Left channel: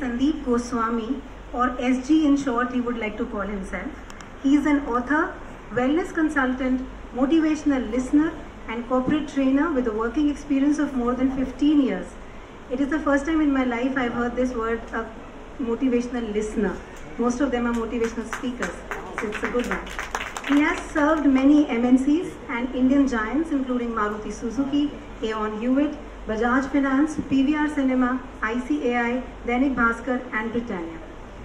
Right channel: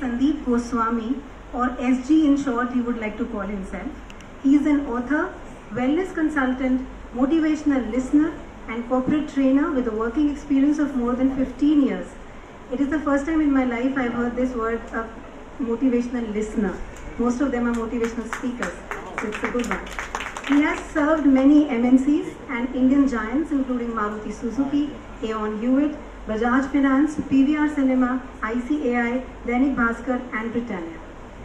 Sandeep Goswami, or SG in short he would like to call himself. He is an author, wellness consultant, motivational listener and corporate trainer with a working experience of more than 15 years. It is the first time in my life I've heard this word, motivational listener. Most of them are motivational speakers, so it's a good one. He has served many MNCs and Indian giants including Maruti Suzuki, Aeon Hewitt, Bajaj Finance, PVR Cinema, ICAI, Dainik Bhaskar and Britannia.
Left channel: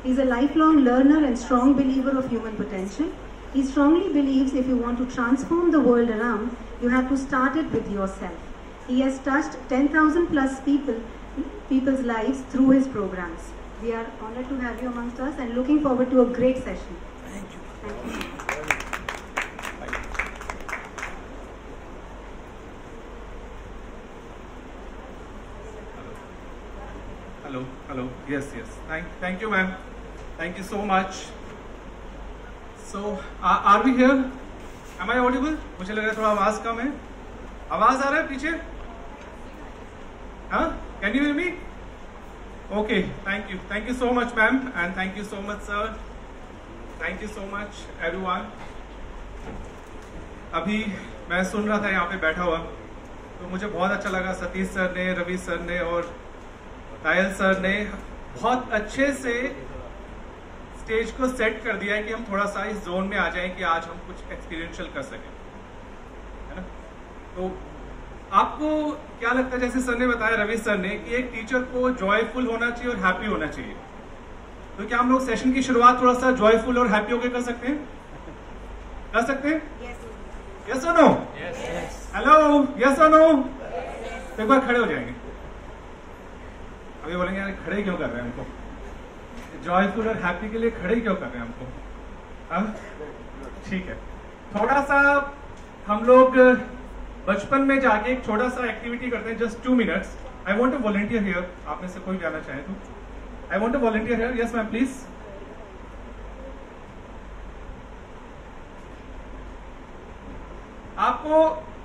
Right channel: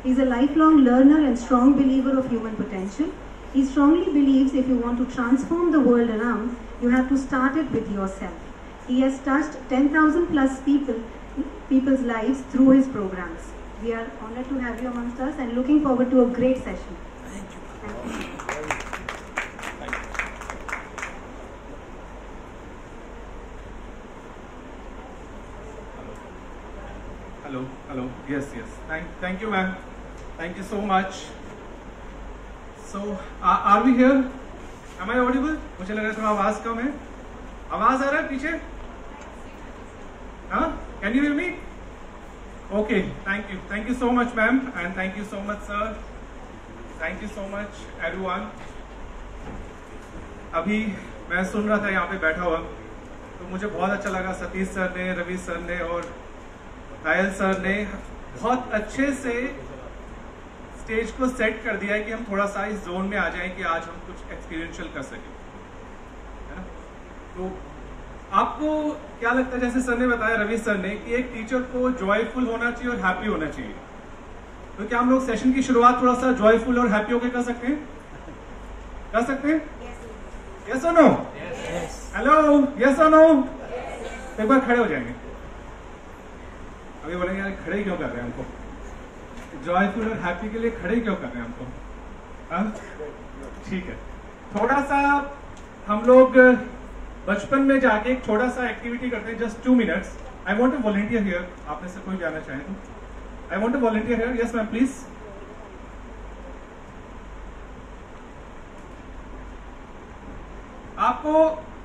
He is a lifelong learner and strong believer of human potential. He strongly believes if you want to transform the world around, you have to start it with yourself. He has touched 10,000 plus people's lives through his programs. We are honored to have you amongst us and looking forward to a great session. Thank you. Thank you. Hello. Yes. Thank you, ma'am. Thank you so much. So, are we here? Am I audible? मुझे लग रहा है थोड़ा आवाज कम है. आवाज आ रहा है पीछे? हाँ? Can you hear me? Okay. Thank you so much, ma'am, and thank you so much, sir. Thank you so much, everyone. अभी मैं सुन रहा था यहाँ पे बैठा हुआ, तो मुझे बहुत अच्छा लगा. सतीश सर ने, रवि सर ने और पायल सर ने बहुत अच्छे से स्टेज को सेट कर दिया है कि हम थोड़ा सा इस जोन में आ जाएं कि आज हम कुछ एक्सपीरियंशियल कर सकें, है ना? तो आपको क्या लगता है, जैसे सर ने बताया, रवि सर ने, कि एक टीचर को जॉयफुल होना चाहिए और हैप्पी होना चाहिए. तो क्या हम लोग सेशन की शुरुआत थोड़ा सा जॉयफुल और हैप्पी होकर कर सकते हैं? कर सकते हैं? यस और नो? हेलो, यस और नो? तो एक बार खड़े हो जाएंगे. अभी बोलेंगे यार खड़े क्यों कर रहे हैं हमको? जॉयफुल और हैप्पी के लिए खड़े क्यों कर रहे हैं हमको? हाँ, ठीक है. थोड़ा सा हम लोग बचपन में जाके एक छोटा सा एक्टिविटी करते हैं, just 2 minutes. I want to volunteer here. आप में से कोई जाना चाहे तो I want to volunteer here. Yes ma'am, please. आपको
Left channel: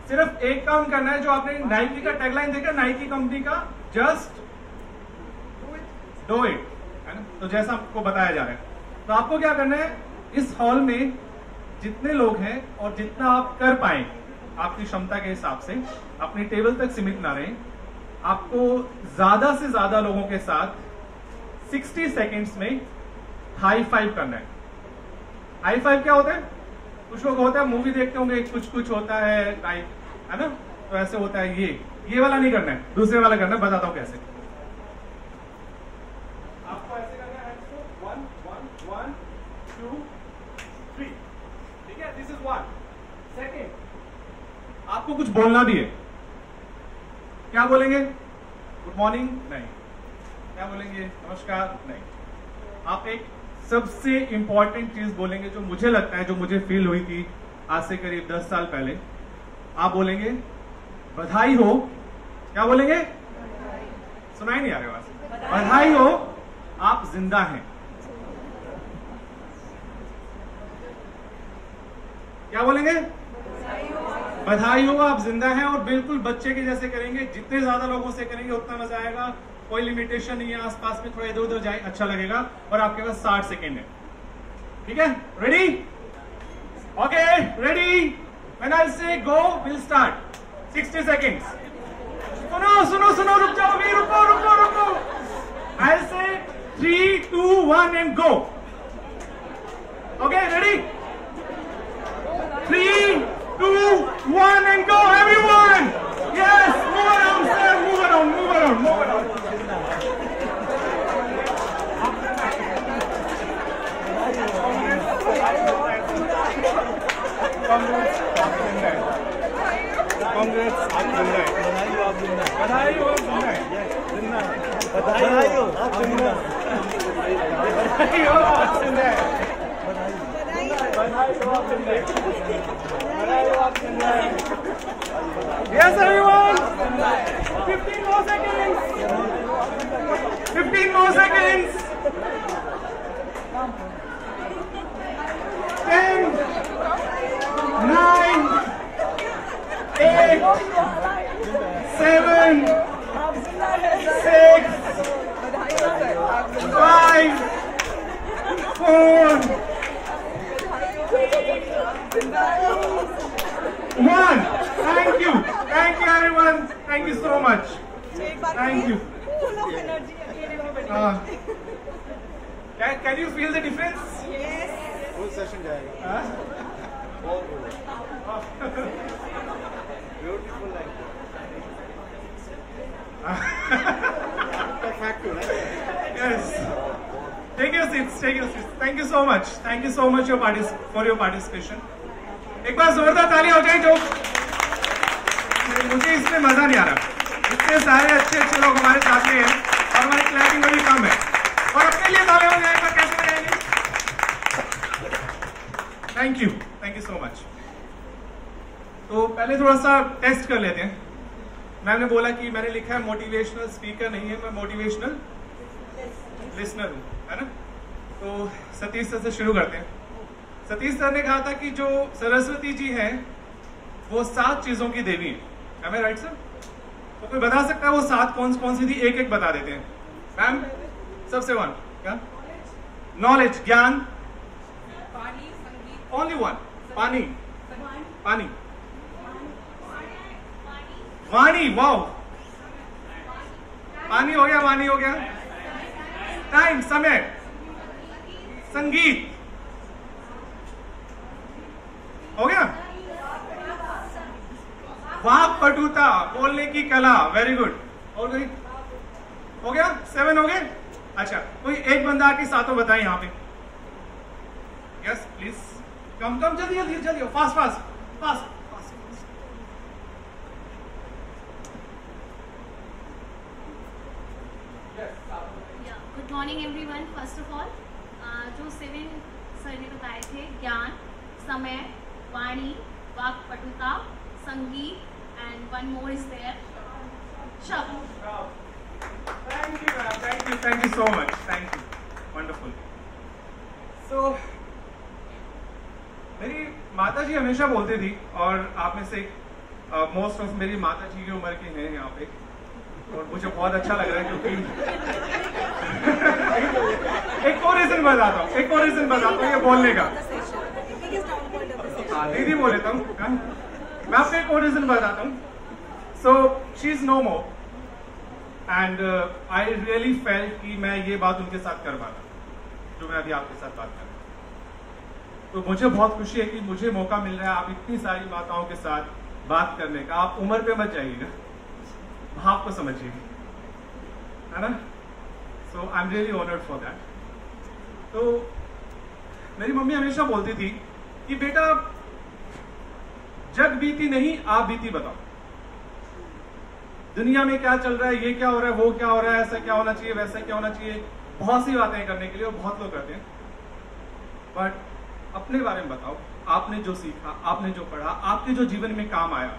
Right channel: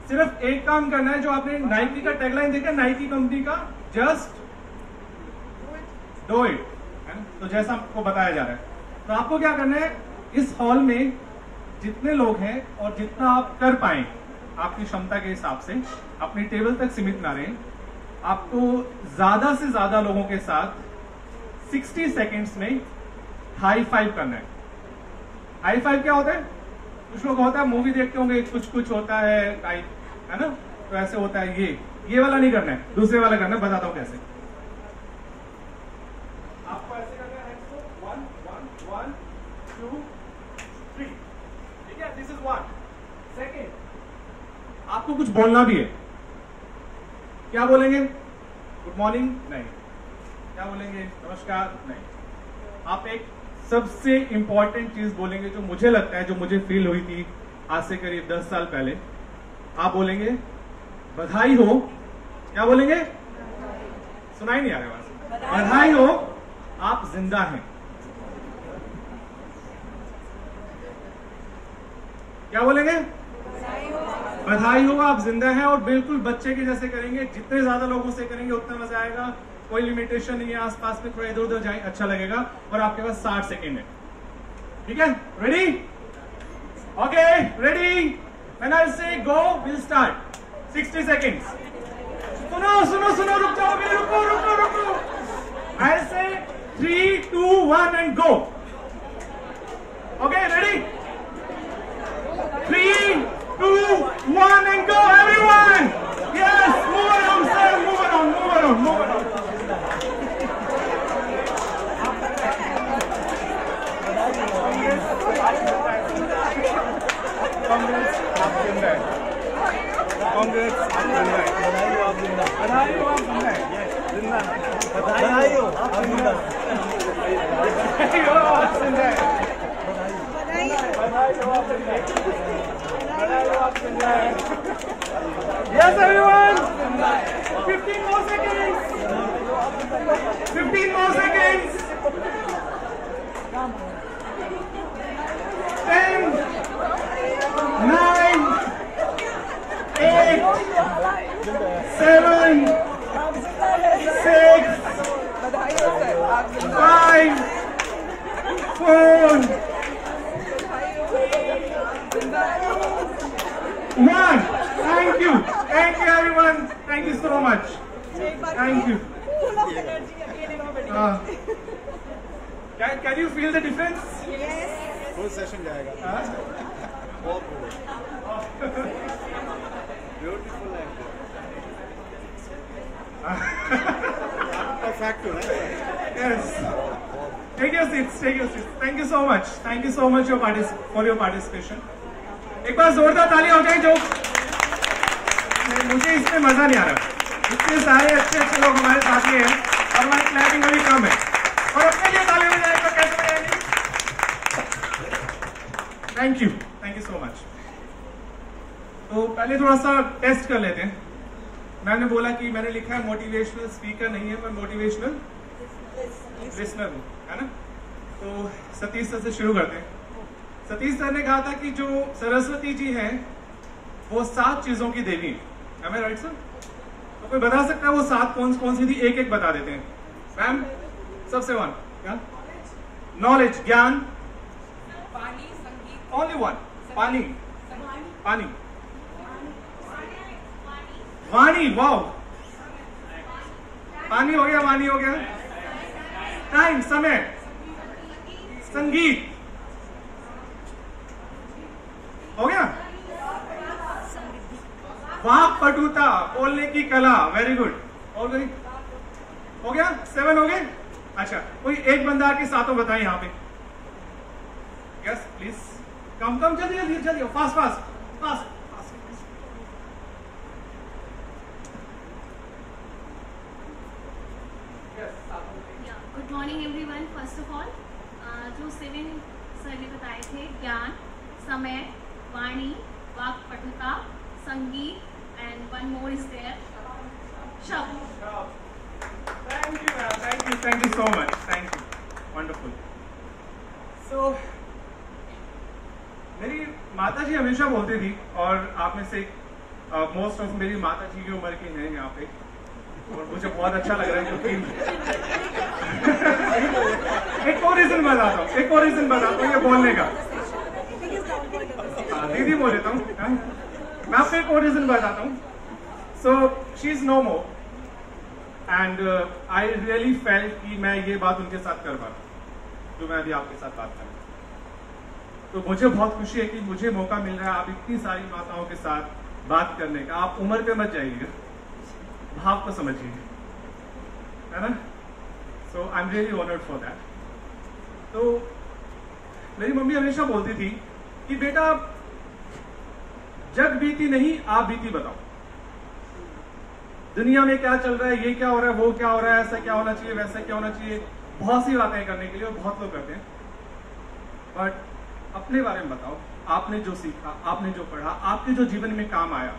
सिर्फ एक काम करना है. जो आपने नाइकी का टैगलाइन देखा, नाइकी कंपनी का, जस्ट डू इट, है ना? तो जैसा आपको बताया जा रहा है, तो आपको क्या करना है, इस हॉल में जितने लोग हैं और जितना आप कर पाए आपकी क्षमता के हिसाब से, अपनी टेबल तक सीमित ना रहें. आपको ज्यादा से ज्यादा लोगों के साथ 60 सेकेंड्स में हाई फाइव करना है. हाई फाइव क्या होता है? कुछ लोग होता है, मूवी देखते होंगे, कुछ होता है ना? तो ऐसे होता है. ये वाला नहीं करना है, दूसरे वाला करना है. बताता हूं कैसे. आपको ऐसे करना है, 1 2 3. ठीक है, दिस इज 1 सेकेंड. आपको कुछ बोलना भी है. क्या बोलेंगे? Good morning? नहीं. क्या बोलेंगे? नमस्कार? नहीं. आप एक सबसे इंपॉर्टेंट चीज बोलेंगे, जो मुझे लगता है, जो मुझे फील हुई थी आज से करीब 10 साल पहले. आप बोलेंगे बधाई हो. क्या बोलेंगे? सुनाई नहीं आ रहा आवाज. बधाई हो, आप जिंदा हैं. क्या बोलेंगे? बधाई हो, आप जिंदा हैं. और बिल्कुल बच्चे के जैसे करेंगे. जितने ज्यादा लोगों से करेंगे उतना मजा आएगा. कोई लिमिटेशन नहीं है. आसपास में थोड़ा इधर उधर जाए, अच्छा लगेगा. और आपके पास 60 सेकेंड है. ठीक है? Ready? Okay, ready? When I से गो, विल स्टार्ट. 60 सेकेंड्स. सुनो, रुक जाओगे. रुको. आई से 3 2 1 and go. Okay, ready? 3 2 1 and go, everyone. Yes, move around, sir. Move around. Congrats, आप जिंदा है. Congrats, आप जिंदा है. बधाई हो, आप जिंदा है. बधाई हो, आप जिंदा है. जिंदा है. बधाई हो, आप जिंदा है. बधाई हो, आप जिंदा है. बधाई हो, आप जिंदा है. बधाई हो, आप जिंदा है. Yes, everyone. 15 more seconds. 15 more seconds. 10, 9, 8, 7, 6, बधाई हो सर, आप 5, 4, 1. Thank you everyone. Thank you so much. Thank you. Can you feel the difference? Yes. Full session जाएगा. Beautiful fact. Yes. Take your seats. Thank you so much for your participation. एक बार जोरदार तालियां हो जाए जो. मुझे इसमें मजा नहीं आ रहा. इतने सारे अच्छे लोग हमारे साथ में हैं और हमारी क्लैपिंग में भी कम है. और अपने लिए तालियां हो जाएगा कैसे बजाएंगे? Thank you so much. तो पहले थोड़ा सा टेस्ट कर लेते हैं. मैम ने बोला कि मैंने लिखा है मोटिवेशनल स्पीकर नहीं है, मैं मोटिवेशनल लिसनर हूं, है ना. तो सतीश सर से शुरू करते हैं. सतीश सर ने कहा था कि जो सरस्वती जी हैं वो 7 चीजों की देवी है. मैं राइट सर? तो कोई बता सकता है वो 7 कौन सी थी? एक बता देते हैं. मैम सबसे 1 क्या? नॉलेज, ज्ञान. ओनली 1. पानी. वाणी. वाओ, पानी हो गया, वाणी हो गया. टाइम, समय. संगीत हो गया. वाक पटुता, बोलने की कला. Very good. और कोई हो गया? 7 हो गए. अच्छा, कोई एक बंदा आके सातों बताए यहाँ पे. Yes please. कम जल्दी fast. Good morning everyone. First of all जो 7 सर ने बताए थे, ज्ञान, समय, वाणी, वाक पटुता, संगीत and one more is there, शब्द. Thank you so much. Thank you. Wonderful. So, मेरी माता जी हमेशा बोलती थी, और आप में से मोस्ट ऑफ मेरी माता जी की उम्र के हैं यहाँ पे, और मुझे बहुत अच्छा लग रहा है क्योंकि एक और रीजन बताता हूँ ये बोलने का. दीदी बोल देता हूँ. मैं आपको एक और रीजन बताता हूँ. So she is no more and I really felt कि मैं ये बात उनके साथ कर पाता जो मैं अभी आपके साथ बात कर रहा हूँ. तो मुझे बहुत खुशी है कि मुझे मौका मिल रहा है आप इतनी सारी माताओं के साथ बात करने का. आप उम्र पे मत जाइएगा, भाव को समझिए, है ना. So I am really honoured for that. तो मेरी मम्मी हमेशा बोलती थी कि बेटा जग बीती नहीं, आप बीती बताओ. दुनिया में क्या चल रहा है, ये क्या हो रहा है, वो क्या हो रहा है, ऐसा क्या होना चाहिए, वैसा क्या होना चाहिए. बहुत सी बातें करने के लिए, और बहुत लोग करते हैं. बट अपने बारे में बताओ. आपने जो सीखा, आपने जो पढ़ा, आपके जो जीवन में काम आया,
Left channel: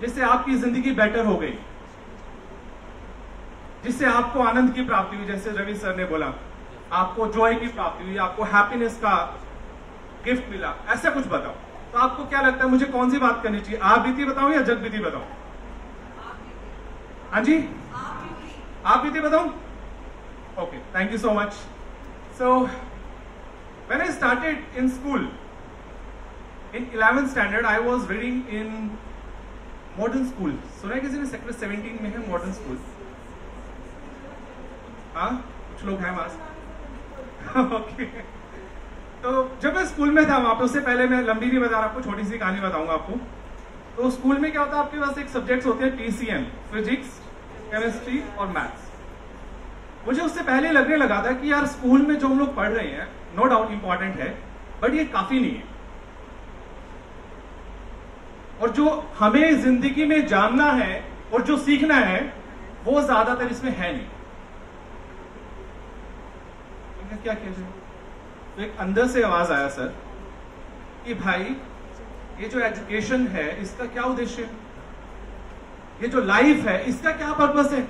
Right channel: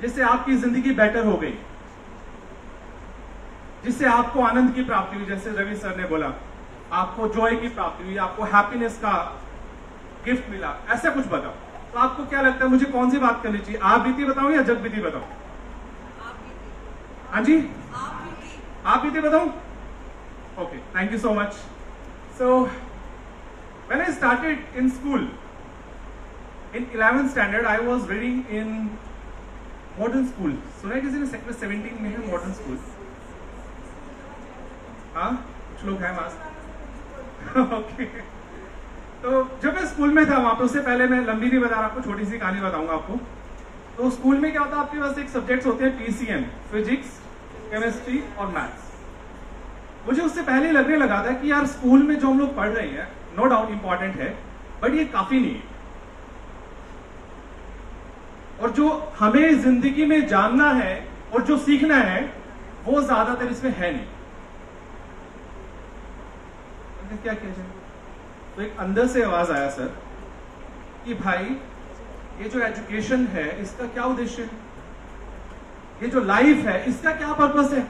जिससे आपकी जिंदगी बेटर हो गई, जिससे आपको आनंद की प्राप्ति हुई, जैसे रवि सर ने बोला, आपको जॉय की प्राप्ति हुई, आपको हैप्पीनेस का गिफ्ट मिला, ऐसा कुछ बताओ. तो आपको क्या लगता है मुझे कौन सी बात करनी चाहिए? आप बीती बताऊं या जग बीती बताऊं? हाँ जी, आप बीती बताऊं. Okay, thank you so much. So when I started in school in 11th standard, I was reading in modern school. सुना है किसी ने? सेक्टर 17 में है मॉडर्न स्कूल. हाँ, कुछ लोग हैं वहां. ओके. तो जब मैं स्कूल में था वहां पर, उससे पहले मैं लंबी नहीं बता रहा, आपको छोटी सी कहानी बताऊंगा आपको. तो स्कूल में क्या होता है, आपके पास एक सब्जेक्ट्स होते हैं PCM, फिजिक्स, केमिस्ट्री और मैथ्स. मुझे उससे पहले लगने लगा था कि यार स्कूल में जो हम लोग पढ़ रहे हैं, नो डाउट इंपॉर्टेंट है, बट ये काफी नहीं है. और जो हमें जिंदगी में जानना है और जो सीखना है, वो ज्यादातर इसमें है नहीं. हमने क्या किया जाए? तो एक अंदर से आवाज आया सर कि भाई ये जो एजुकेशन है इसका क्या उद्देश्य है, ये जो लाइफ है इसका क्या पर्पस है.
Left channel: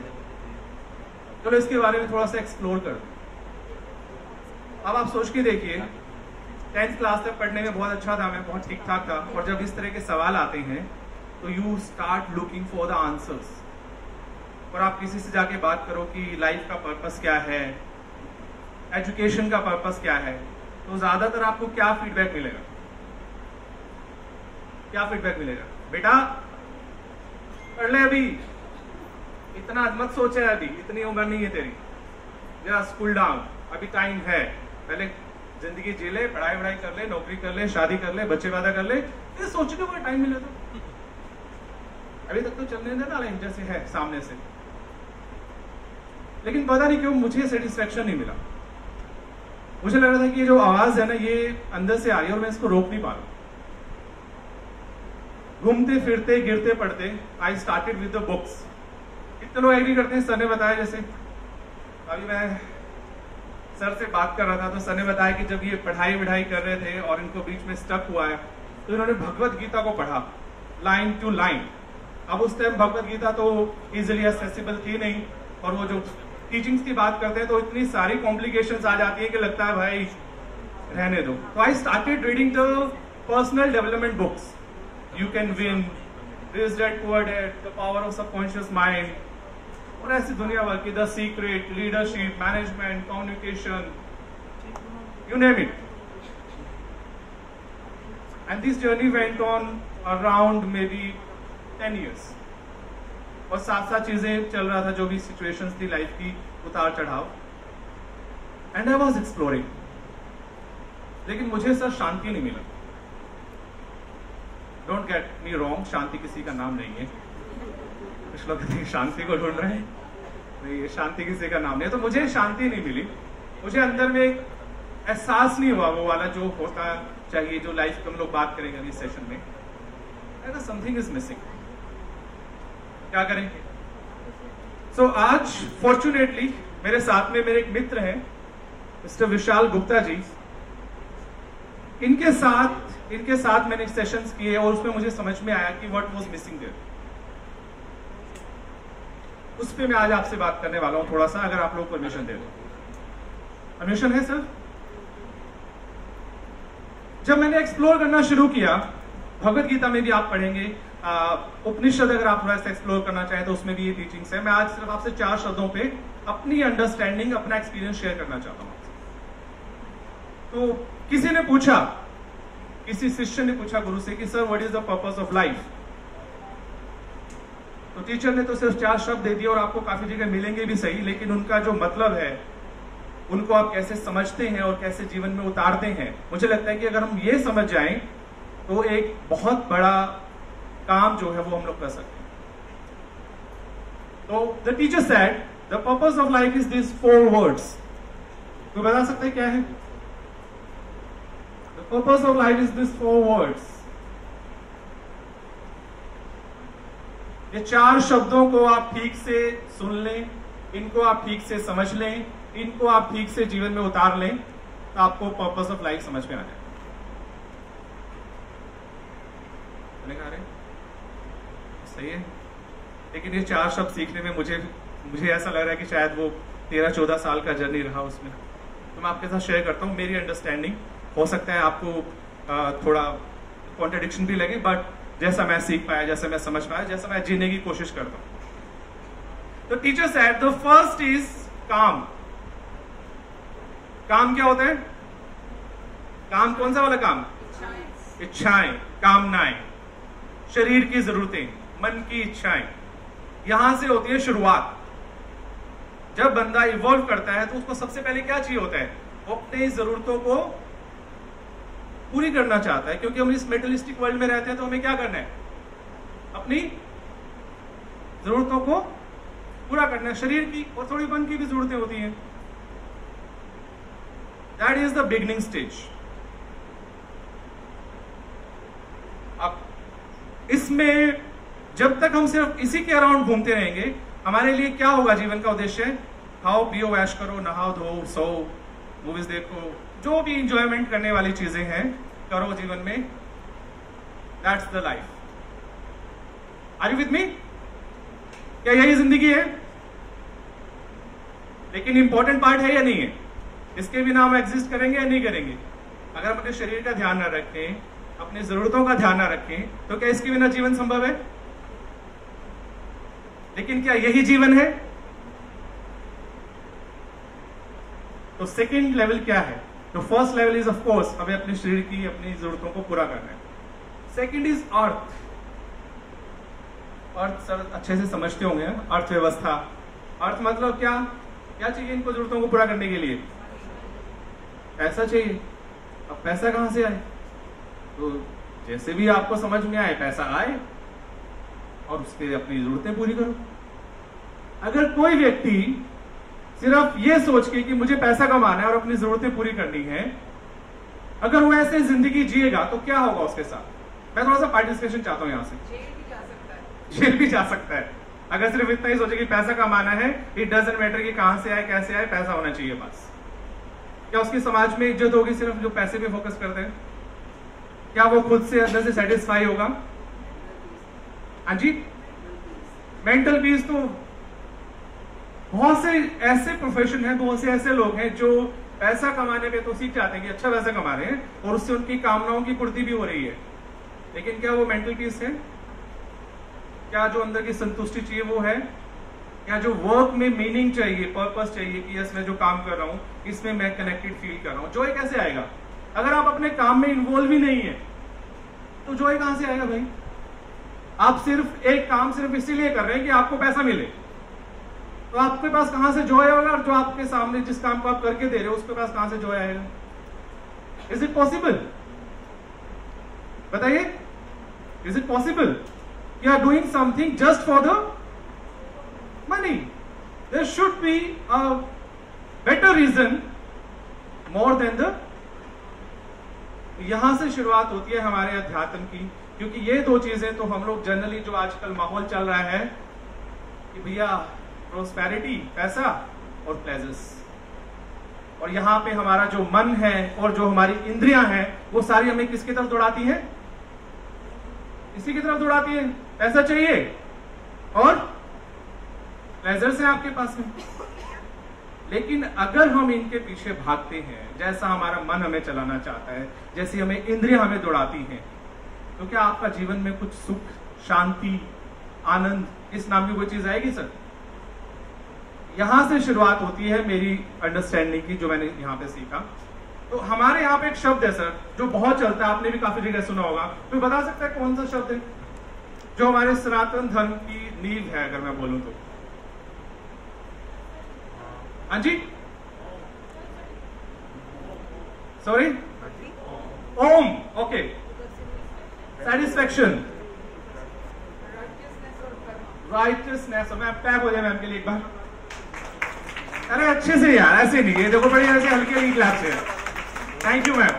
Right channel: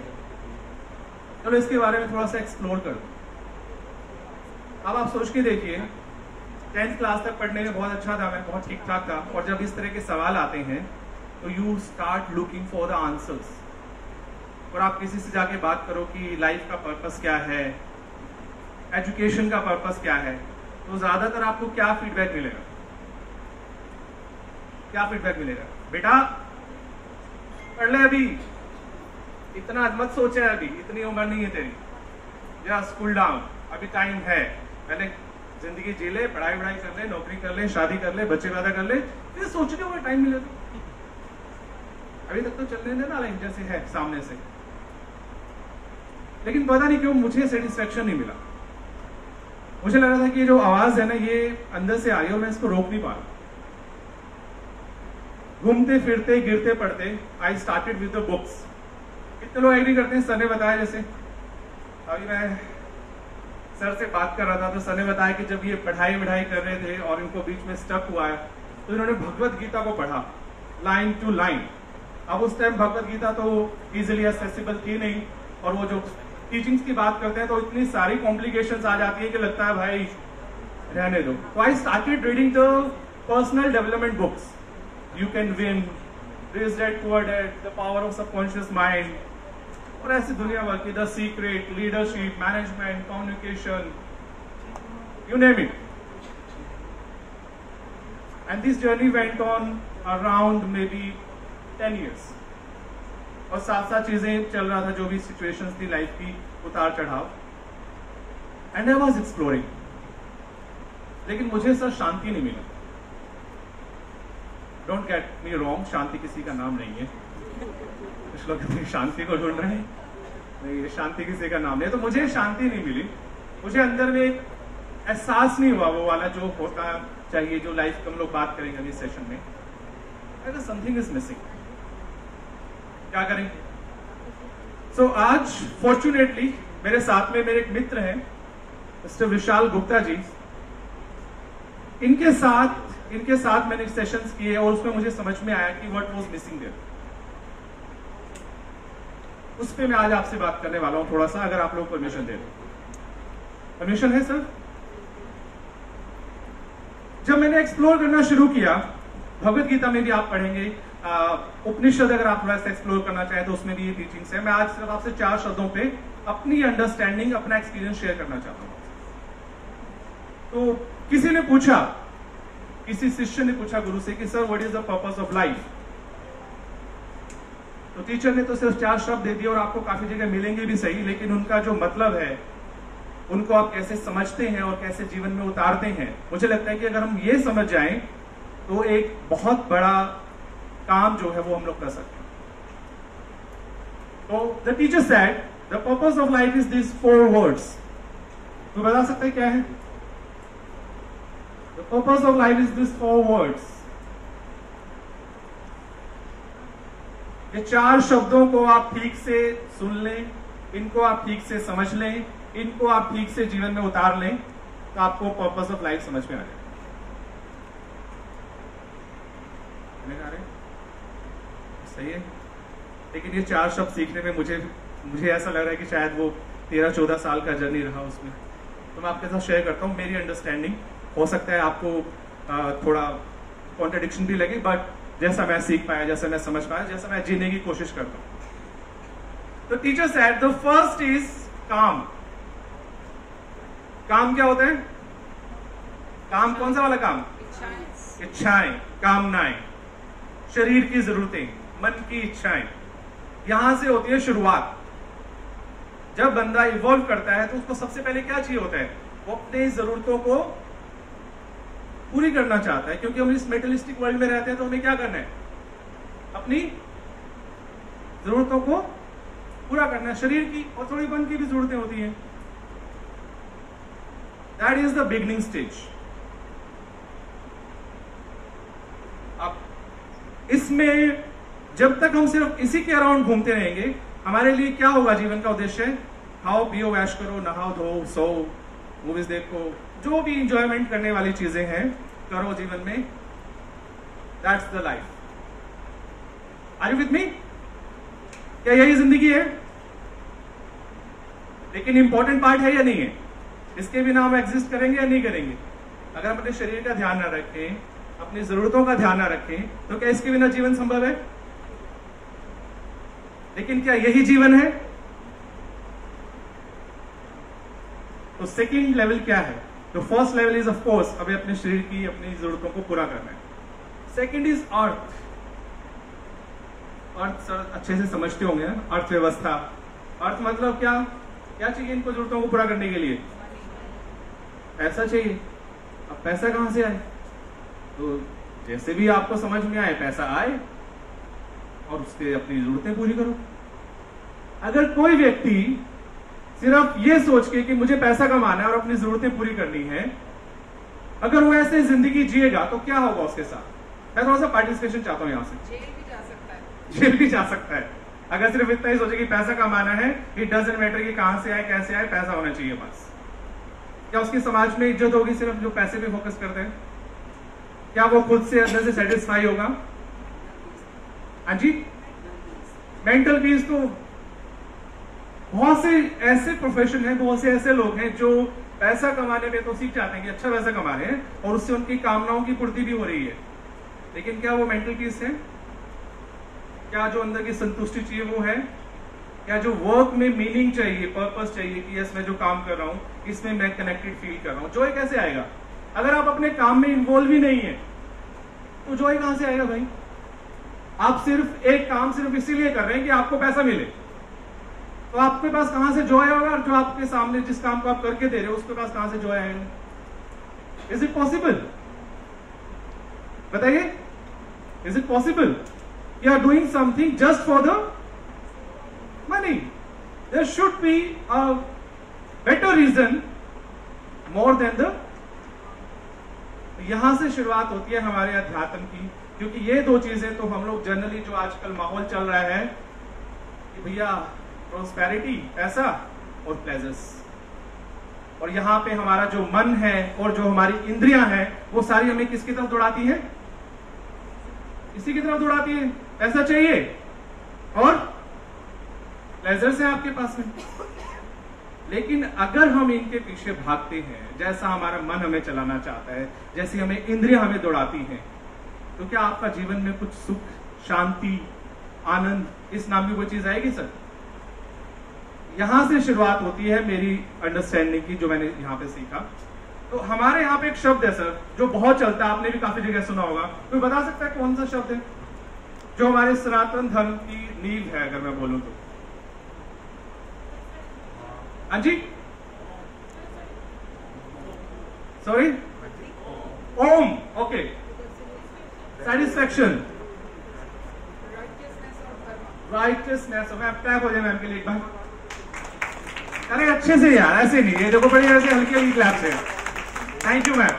चलो इसके बारे में थोड़ा सा एक्सप्लोर कर दो. अब आप सोच के देखिए, 10th क्लास तक पढ़ने में बहुत अच्छा था, मैं बहुत ठीक ठाक था, और जब इस तरह के सवाल आते हैं तो you start looking for the answers. और आप किसी से जाके बात करो कि लाइफ का पर्पस क्या है, एजुकेशन का पर्पस क्या है, तो ज्यादातर आपको क्या फीडबैक मिलेगा? क्या फीडबैक मिलेगा? बेटा पढ़ ले, अभी इतना मत सोचे, अभी इतनी उम्र नहीं है तेरी, जस्ट कूल डाउन, अभी टाइम है, पहले जिंदगी जी ले, पढ़ाई वढ़ाई कर ले, नौकरी कर ले, शादी कर ले, बच्चे पैदा कर ले, फिर सोचने को टाइम मिलेगा। अभी तक तो चलने देना लाइफ जैसे है सामने से, लेकिन पता नहीं क्यों मुझे सेटिस्फेक्शन नहीं मिला। मुझे लग रहा था कि जो आवाज है ना ये अंदर से आ रही है और मैं इसको रोक नहीं पा रहा। घूमते फिरते गिरते पढ़ते I started with the books. कितने लोग एग्री करते हैं? सर ने बताया, जैसे अभी मैं सर से बात कर रहा था तो सर ने बताया कि जब ये पढ़ाई वढ़ाई कर रहे थे और इनको बीच में स्टक हुआ है तो इन्होंने भगवत गीता को पढ़ा लाइन टू लाइन। अब उस टाइम भगवत गीता तो इजिली एक्सेसिबल थी नहीं, और वो जो टीचिंग्स की बात करते हैं तो इतनी सारी कॉम्प्लिकेशंस आ जाती है कि लगता है भाई रहने दो। तो I started reading the personal development books, you can win, rich dad poor dad, the power of subconscious mind, और ऐसी दुनिया भर की, the secret, leadership, management, communication, you name it. And this journey went on around may be 10 years, और साथ साथ चीजें चल रहा था, जो भी सिचुएशंस थी लाइफ की, उतार चढ़ाव, एंड आई वाज एक्सप्लोरिंग। लेकिन मुझे सर शांति नहीं मिला। डोंट गेट मी रॉन्ग, शांति किसी का नाम नहीं है। कुछ लोग शांति को ढूंढ रहे हैं, नहीं, ये शांति किसी का नाम नहीं है। तो मुझे शांति नहीं मिली, मुझे अंदर में एक एहसास नहीं हुआ वो वाला जो होता चाहिए, जो लाइफ हम लोग बात करेंगे इस सेशन में। समथिंग इज मिसिंग, क्या करें? सो आज फॉर्चुनेटली मेरे साथ में मेरे एक मित्र हैं मिस्टर विशाल गुप्ता जी। इनके साथ मैंने सेशंस किए और उसमें मुझे समझ में आया कि व्हाट वाज मिसिंग देयर। उस पे मैं आज आपसे बात करने वाला हूं थोड़ा सा, अगर आप लोग परमिशन दे दो। परमिशन है सर? जब मैंने एक्सप्लोर करना शुरू किया, भगवत गीता में भी आप पढ़ेंगे, उपनिषद अगर आप थोड़ा सा एक्सप्लोर करना चाहें तो उसमें भी ये टीचिंग्स है। मैं आज सिर्फ आपसे 4 शब्दों पे अपनी अंडरस्टैंडिंग, अपना एक्सपीरियंस शेयर करना चाहता हूं। तो किसी ने पूछा, किसी शिष्य ने पूछा गुरु से कि sir what is the purpose of life? तो टीचर ने तो सिर्फ 4 शब्द दे दिए, और आपको काफी जगह मिलेंगे भी सही, लेकिन उनका जो मतलब है उनको आप कैसे समझते हैं और कैसे जीवन में उतारते हैं, मुझे लगता है कि अगर हम ये समझ जाएं तो एक बहुत बड़ा काम जो है वो हम लोग कर सकते हैं। तो the teacher said the purpose of life is this 4 words। तो बता सकते हैं क्या है? The purpose of life is this 4 words। ये 4 शब्दों को आप ठीक से सुन लें, इनको आप ठीक से समझ लें, इनको आप ठीक से जीवन में उतार लें, तो आपको पर्पस ऑफ लाइफ समझ में आ जाए। सही है, लेकिन ये 4 शब्द सीखने में मुझे ऐसा लग रहा है कि शायद वो 13-14 साल का जर्नी रहा उसमें। तो मैं आपके साथ शेयर करता हूँ मेरी अंडरस्टैंडिंग। हो सकता है आपको थोड़ा कॉन्ट्रडिक्शन भी लगे, बट जैसा मैं सीख पाया, जैसा मैं समझ पाया, जैसा मैं जीने की कोशिश करता हूं। तो teacher said the first is काम। काम क्या होता है? काम कौन सा वाला काम? इच्छाएं, कामनाएं, शरीर की जरूरतें, मन की इच्छाएं, यहां से होती है शुरुआत। जब बंदा इवॉल्व करता है तो उसको सबसे पहले क्या चाहिए होता है? वो अपनी जरूरतों को पूरी करना चाहता है, क्योंकि हम इस मेटलिस्टिक वर्ल्ड में रहते हैं। तो हमें क्या करना है? अपनी जरूरतों को पूरा करना है। शरीर की और थोड़ी मन की भी जरूरतें होती हैं। That is the beginning stage. अब इसमें जब तक हम सिर्फ इसी के अराउंड घूमते रहेंगे, हमारे लिए क्या होगा? जीवन का उद्देश्य खाओ पियो ऐश करो, नहाओ धो सो, मूवीज देखो, जो भी इंजॉयमेंट करने वाली चीजें हैं करो जीवन में। That's the life. Are you with me? क्या यही जिंदगी है? लेकिन इंपॉर्टेंट पार्ट है या नहीं है? इसके बिना हम एग्जिस्ट करेंगे या नहीं करेंगे? अगर हम अपने शरीर का ध्यान न रखें, अपनी जरूरतों का ध्यान न रखें, तो क्या इसके बिना जीवन संभव है? लेकिन क्या यही जीवन है? तो सेकेंड लेवल क्या है? तो first level is of course हमें अपने शरीर की अपनी जरूरतों को पूरा करना है। Second is earth. Earth sir अच्छे से समझते होंगे, अर्थव्यवस्था। अर्थ मतलब क्या? क्या चाहिए इनको जरूरतों को पूरा करने के लिए? पैसा चाहिए। अब पैसा कहां से आए? तो जैसे भी आपको समझ में आए पैसा आए और उसके अपनी जरूरतें पूरी करो। अगर कोई व्यक्ति सिर्फ ये सोच के कि मुझे पैसा कमाना है और अपनी जरूरतें पूरी करनी है, अगर वो ऐसे जिंदगी जिएगा तो क्या होगा उसके साथ? मैं थोड़ा सा पार्टिसिपेशन चाहता हूं यहां से। जेल भी जा सकता है अगर सिर्फ इतना ही सोचे कि पैसा कमाना है। इट डजंट मैटर कि कहां से आए कैसे आए, पैसा होना चाहिए बस। क्या उसकी समाज में इज्जत होगी सिर्फ जो पैसे पे फोकस करते हैं? क्या वो खुद से अंदर से सेटिस्फाई होगा? हाँ जी, मेंटल पीस। तो बहुत से ऐसे प्रोफेशन हैं, बहुत से ऐसे लोग हैं जो पैसा कमाने पे तो सीख जाते हैं कि अच्छा पैसा कमा रहे हैं और उससे उनकी कामनाओं की पूर्ति भी हो रही है, लेकिन क्या वो मेंटल पीस है? क्या जो अंदर की संतुष्टि चाहिए वो है? क्या जो वर्क में मीनिंग चाहिए, पर्पस चाहिए कि यस मैं जो काम कर रहा हूं इसमें मैं कनेक्टेड फील कर रहा हूं, जॉय कैसे आएगा? अगर आप अपने काम में इन्वॉल्व ही नहीं है तो जॉय कहां से आएगा भाई? आप सिर्फ एक काम सिर्फ इसीलिए कर रहे हैं कि आपको पैसा मिले, तो आपके पास कहां से जॉय होगा? और जो आपके सामने जिस काम को आप करके दे रहे हो उसके पास कहां से जॉय आएगा? Is it possible? बताइए, is it possible? You are doing something just for the money. There should be a better reason more than the. यहां से शुरुआत होती है हमारे अध्यात्म की, क्योंकि ये दो चीजें तो हम लोग जनरली जो आजकल माहौल चल रहा है कि भैया प्रोस्पेरिटी, पैसा और प्लेजर्स, और यहां पे हमारा जो मन है और जो हमारी इंद्रियां हैं वो सारी हमें किसकी तरफ दौड़ाती है? इसी की तरफ दौड़ाती है। पैसा चाहिए और प्लेजर्स हैं आपके पास में। लेकिन अगर हम इनके पीछे भागते हैं जैसा हमारा मन हमें चलाना चाहता है, जैसी हमें इंद्रियां हमें दौड़ाती हैं, तो क्या आपका जीवन में कुछ सुख, शांति, आनंद इस नाम की कोई चीज आएगी सर? यहां से शुरुआत होती है मेरी अंडरस्टैंडिंग की, जो मैंने यहां पे सीखा। तो हमारे यहाँ पे एक शब्द है सर जो बहुत चलता है, आपने भी काफी जगह सुना होगा, तो बता सकता है कौन सा शब्द है जो हमारे सनातन धर्म की नींव है? अगर मैं बोलूं तो हाँ जी, sorry, Om. Okay, satisfaction, righteousness. मैं पैक हो जाए मैम के लिए एक बार। अरे अच्छे से यार, ऐसे नहीं, ये देखो बड़ी ऐसे हल्की हल्की क्लैप से। Thank you ma'am.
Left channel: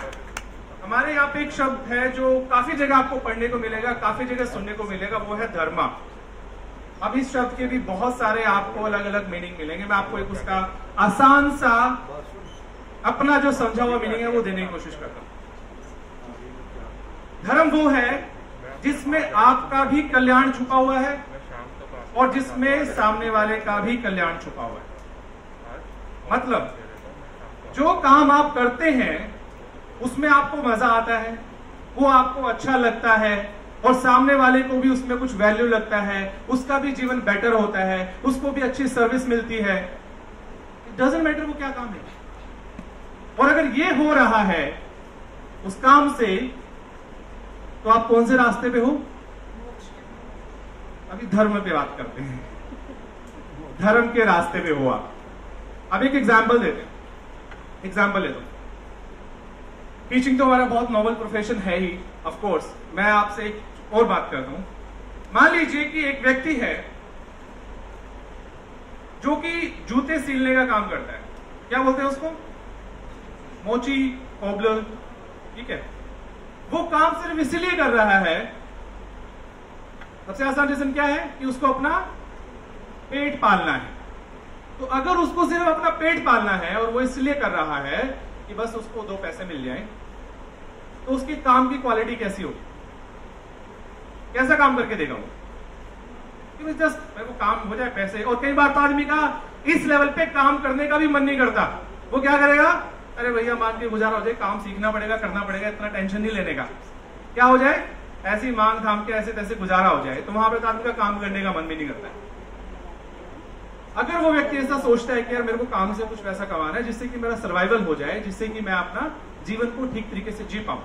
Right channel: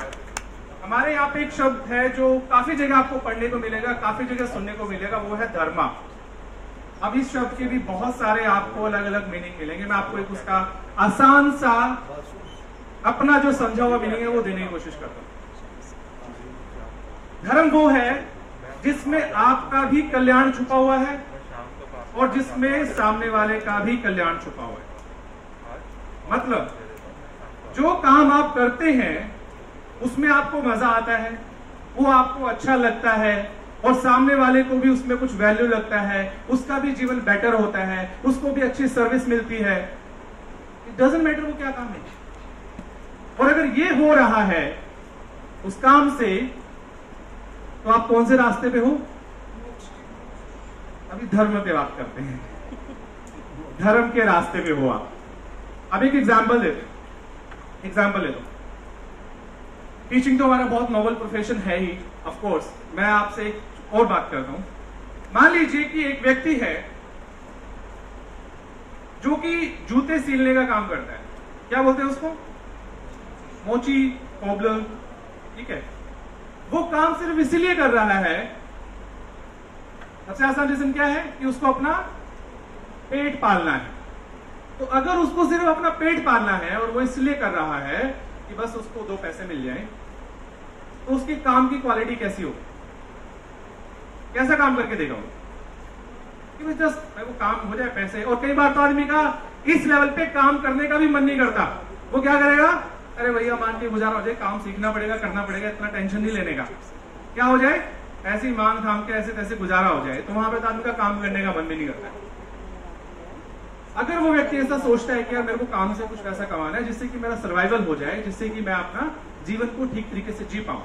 हमारे यहाँ पे एक शब्द है जो काफी जगह आपको पढ़ने को मिलेगा, काफी जगह सुनने को मिलेगा, वो है धर्मा। अब इस शब्द के भी बहुत सारे आपको अलग अलग मीनिंग मिलेंगे। मैं आपको एक उसका आसान सा अपना जो समझा हुआ मीनिंग है वो देने की कोशिश करता हूं। धर्म वो है जिसमें आपका भी कल्याण छुपा हुआ है और जिसमें सामने वाले का भी कल्याण छुपा हुआ है। मतलब जो काम आप करते हैं उसमें आपको मजा आता है, वो आपको अच्छा लगता है और सामने वाले को भी उसमें कुछ वैल्यू लगता है, उसका भी जीवन बेटर होता है, उसको भी अच्छी सर्विस मिलती है। इट डजंट मैटर वो क्या काम है। और अगर ये हो रहा है उस काम से, तो आप कौन से रास्ते पे हो? अभी धर्म पे बात करते हैं। धर्म के रास्ते पे हो आप। अब एक एग्जाम्पल देते हैं। एग्जाम्पल लेते हैं। टीचिंग तो हमारा बहुत नोबल प्रोफेशन है ही, ऑफ कोर्स। मैं आपसे एक और बात करता हूं। मान लीजिए कि एक व्यक्ति है जो कि जूते सिलने का काम करता है। क्या बोलते हैं उसको? मोची, कोबलर, ठीक है। वो काम सिर्फ इसीलिए कर रहा है, सबसे आसान रीजन क्या है कि उसको अपना पेट पालना है। तो अगर उसको सिर्फ अपना पेट पालना है और वो इसलिए कर रहा है कि बस उसको 2 पैसे मिल जाएं, तो उसके काम की क्वालिटी कैसी होगी? कैसा काम करके देगा वो? कि जस्ट मेरे को काम हो जाए, पैसे। और कई बार तो आदमी का इस लेवल पे काम करने का भी मन नहीं करता। वो क्या करेगा? अरे भैया मान के गुजारा हो जाए, काम सीखना पड़ेगा, करना पड़ेगा, इतना टेंशन नहीं लेने का। क्या हो जाए? ऐसी मांग थाम के ऐसे तैसे गुजारा हो जाए, तो वहां पर आदमी का काम करने का मन भी नहीं करता। अगर वो व्यक्ति ऐसा सोचता है कि यार मेरे को काम से कुछ पैसा कमाना है जिससे कि मेरा सर्वाइवल हो जाए, जिससे कि मैं अपना जीवन को ठीक तरीके से जी पाऊं,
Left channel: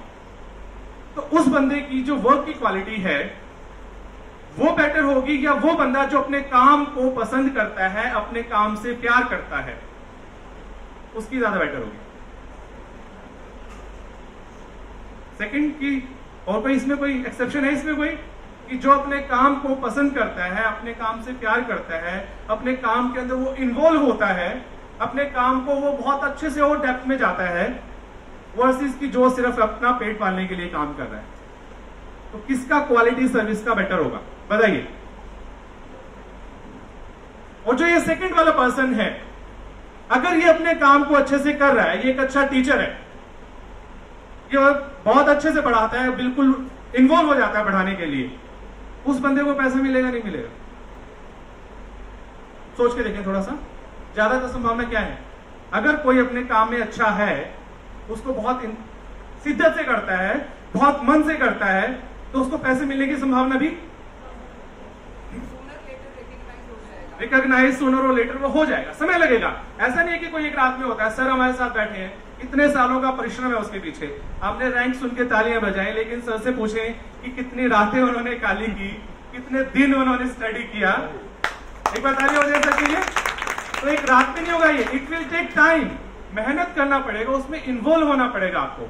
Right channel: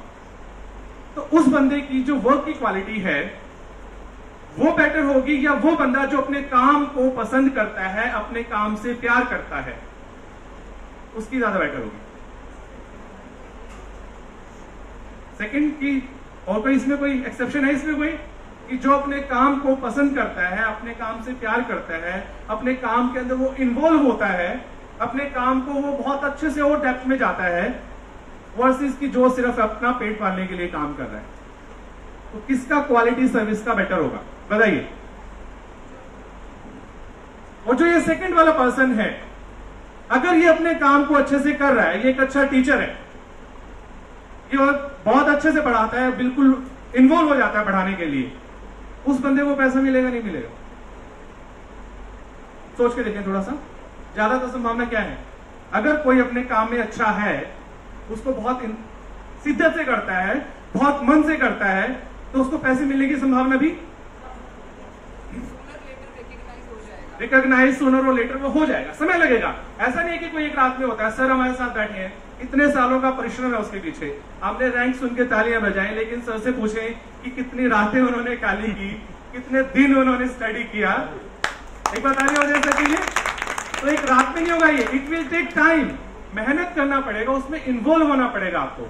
तो उस बंदे की जो वर्क की क्वालिटी है वो बेटर होगी, या वो बंदा जो अपने काम को पसंद करता है, अपने काम से प्यार करता है, उसकी ज्यादा बेटर होगी। सेकंड की और कोई इसमें कोई एक्सेप्शन है इसमें कोई, कि जो अपने काम को पसंद करता है, अपने काम से प्यार करता है, अपने काम के अंदर वो इन्वॉल्व होता है, अपने काम को वो बहुत अच्छे से और डेप्थ में जाता है, वर्सेस की जो सिर्फ अपना पेट पालने के लिए काम कर रहा है, तो किसका क्वालिटी सर्विस का बेटर होगा बताइए। और जो ये सेकंड वाला पर्सन है, अगर ये अपने काम को अच्छे से कर रहा है, ये एक अच्छा टीचर है, ये बहुत अच्छे से पढ़ाता है, बिल्कुल इन्वॉल्व हो जाता है पढ़ाने के लिए, उस बंदे को पैसा मिलेगा नहीं मिलेगा? सोच के देखें थोड़ा सा, ज्यादातर संभावना क्या है? अगर कोई अपने काम में अच्छा है, उसको बहुत शिद्दत से करता है, बहुत मन से करता है, तो उसको पैसे मिलने की संभावना भी रिकॉग्नाइज सूनर और लेटर वो हो जाएगा, समय लगेगा। ऐसा नहीं है कि कोई एक रात में होता है। सर हमारे साथ बैठे हैं, इतने सालों का परिश्रम है उसके पीछे, आपने रैंक सुन के तालियां बजाएं, लेकिन सर से पूछें कि कितनी रातें उन्होंने काली की, कितने दिन उन्होंने स्टडी किया, एक बार तालियां बजाएं सर के लिए। तो एक रात में नहीं होगा ये, इट विल टेक टाइम, मेहनत करना पड़ेगा, उसमें इन्वॉल्व होना पड़ेगा आपको।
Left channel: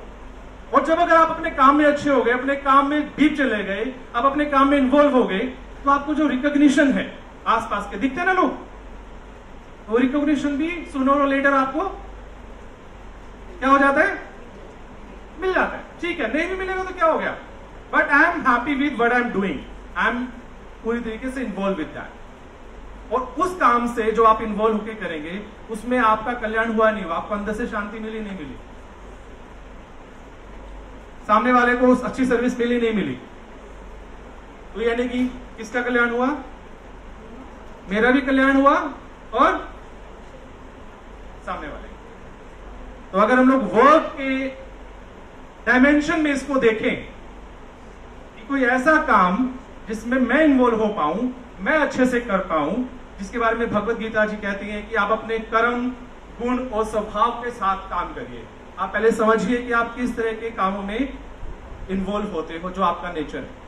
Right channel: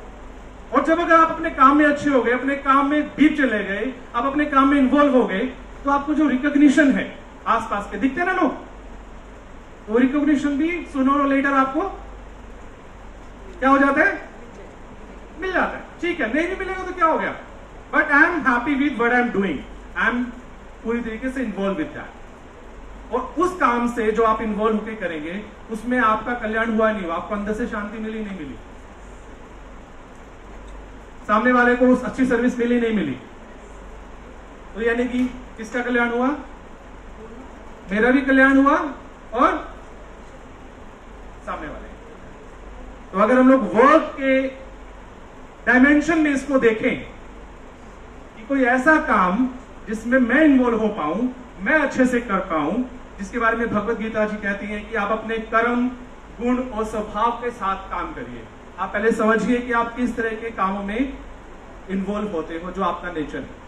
और जब अगर आप अपने काम में अच्छे हो गए, अपने काम में डीप चले गए, आप अपने काम में इन्वॉल्व हो गए, तो आपको जो रिकॉग्निशन है आसपास के दिखते ना लोग, वो रिकॉग्निशन भी सूनर और लेटर आपको क्या हो जाता है, मिल जाता है। ठीक है, नहीं भी मिलेगा तो क्या हो गया, but I am happy with what I am doing, I am पूरी तरीके से इन्वॉल्व विद दैट। और उस काम से जो आप इन्वॉल्व होकर करेंगे, उसमें आपका कल्याण हुआ नहीं हुआ, आपको अंदर से शांति मिली नहीं मिली, सामने वाले को अच्छी सर्विस मिली नहीं मिली, तो यानी कि किसका कल्याण हुआ? मेरा भी कल्याण हुआ और सामने वाले। तो अगर हम लोग वर्क के डायमेंशन में इसको देखें कि कोई ऐसा काम जिसमें मैं इन्वॉल्व हो पाऊं, मैं अच्छे से कर पाऊं, जिसके बारे में भगवत गीता जी कहती हैं कि आप अपने कर्म, गुण और स्वभाव के साथ काम करिए। आप पहले समझिए कि आप किस तरह के कामों में इन्वॉल्व होते हो, जो आपका नेचर है,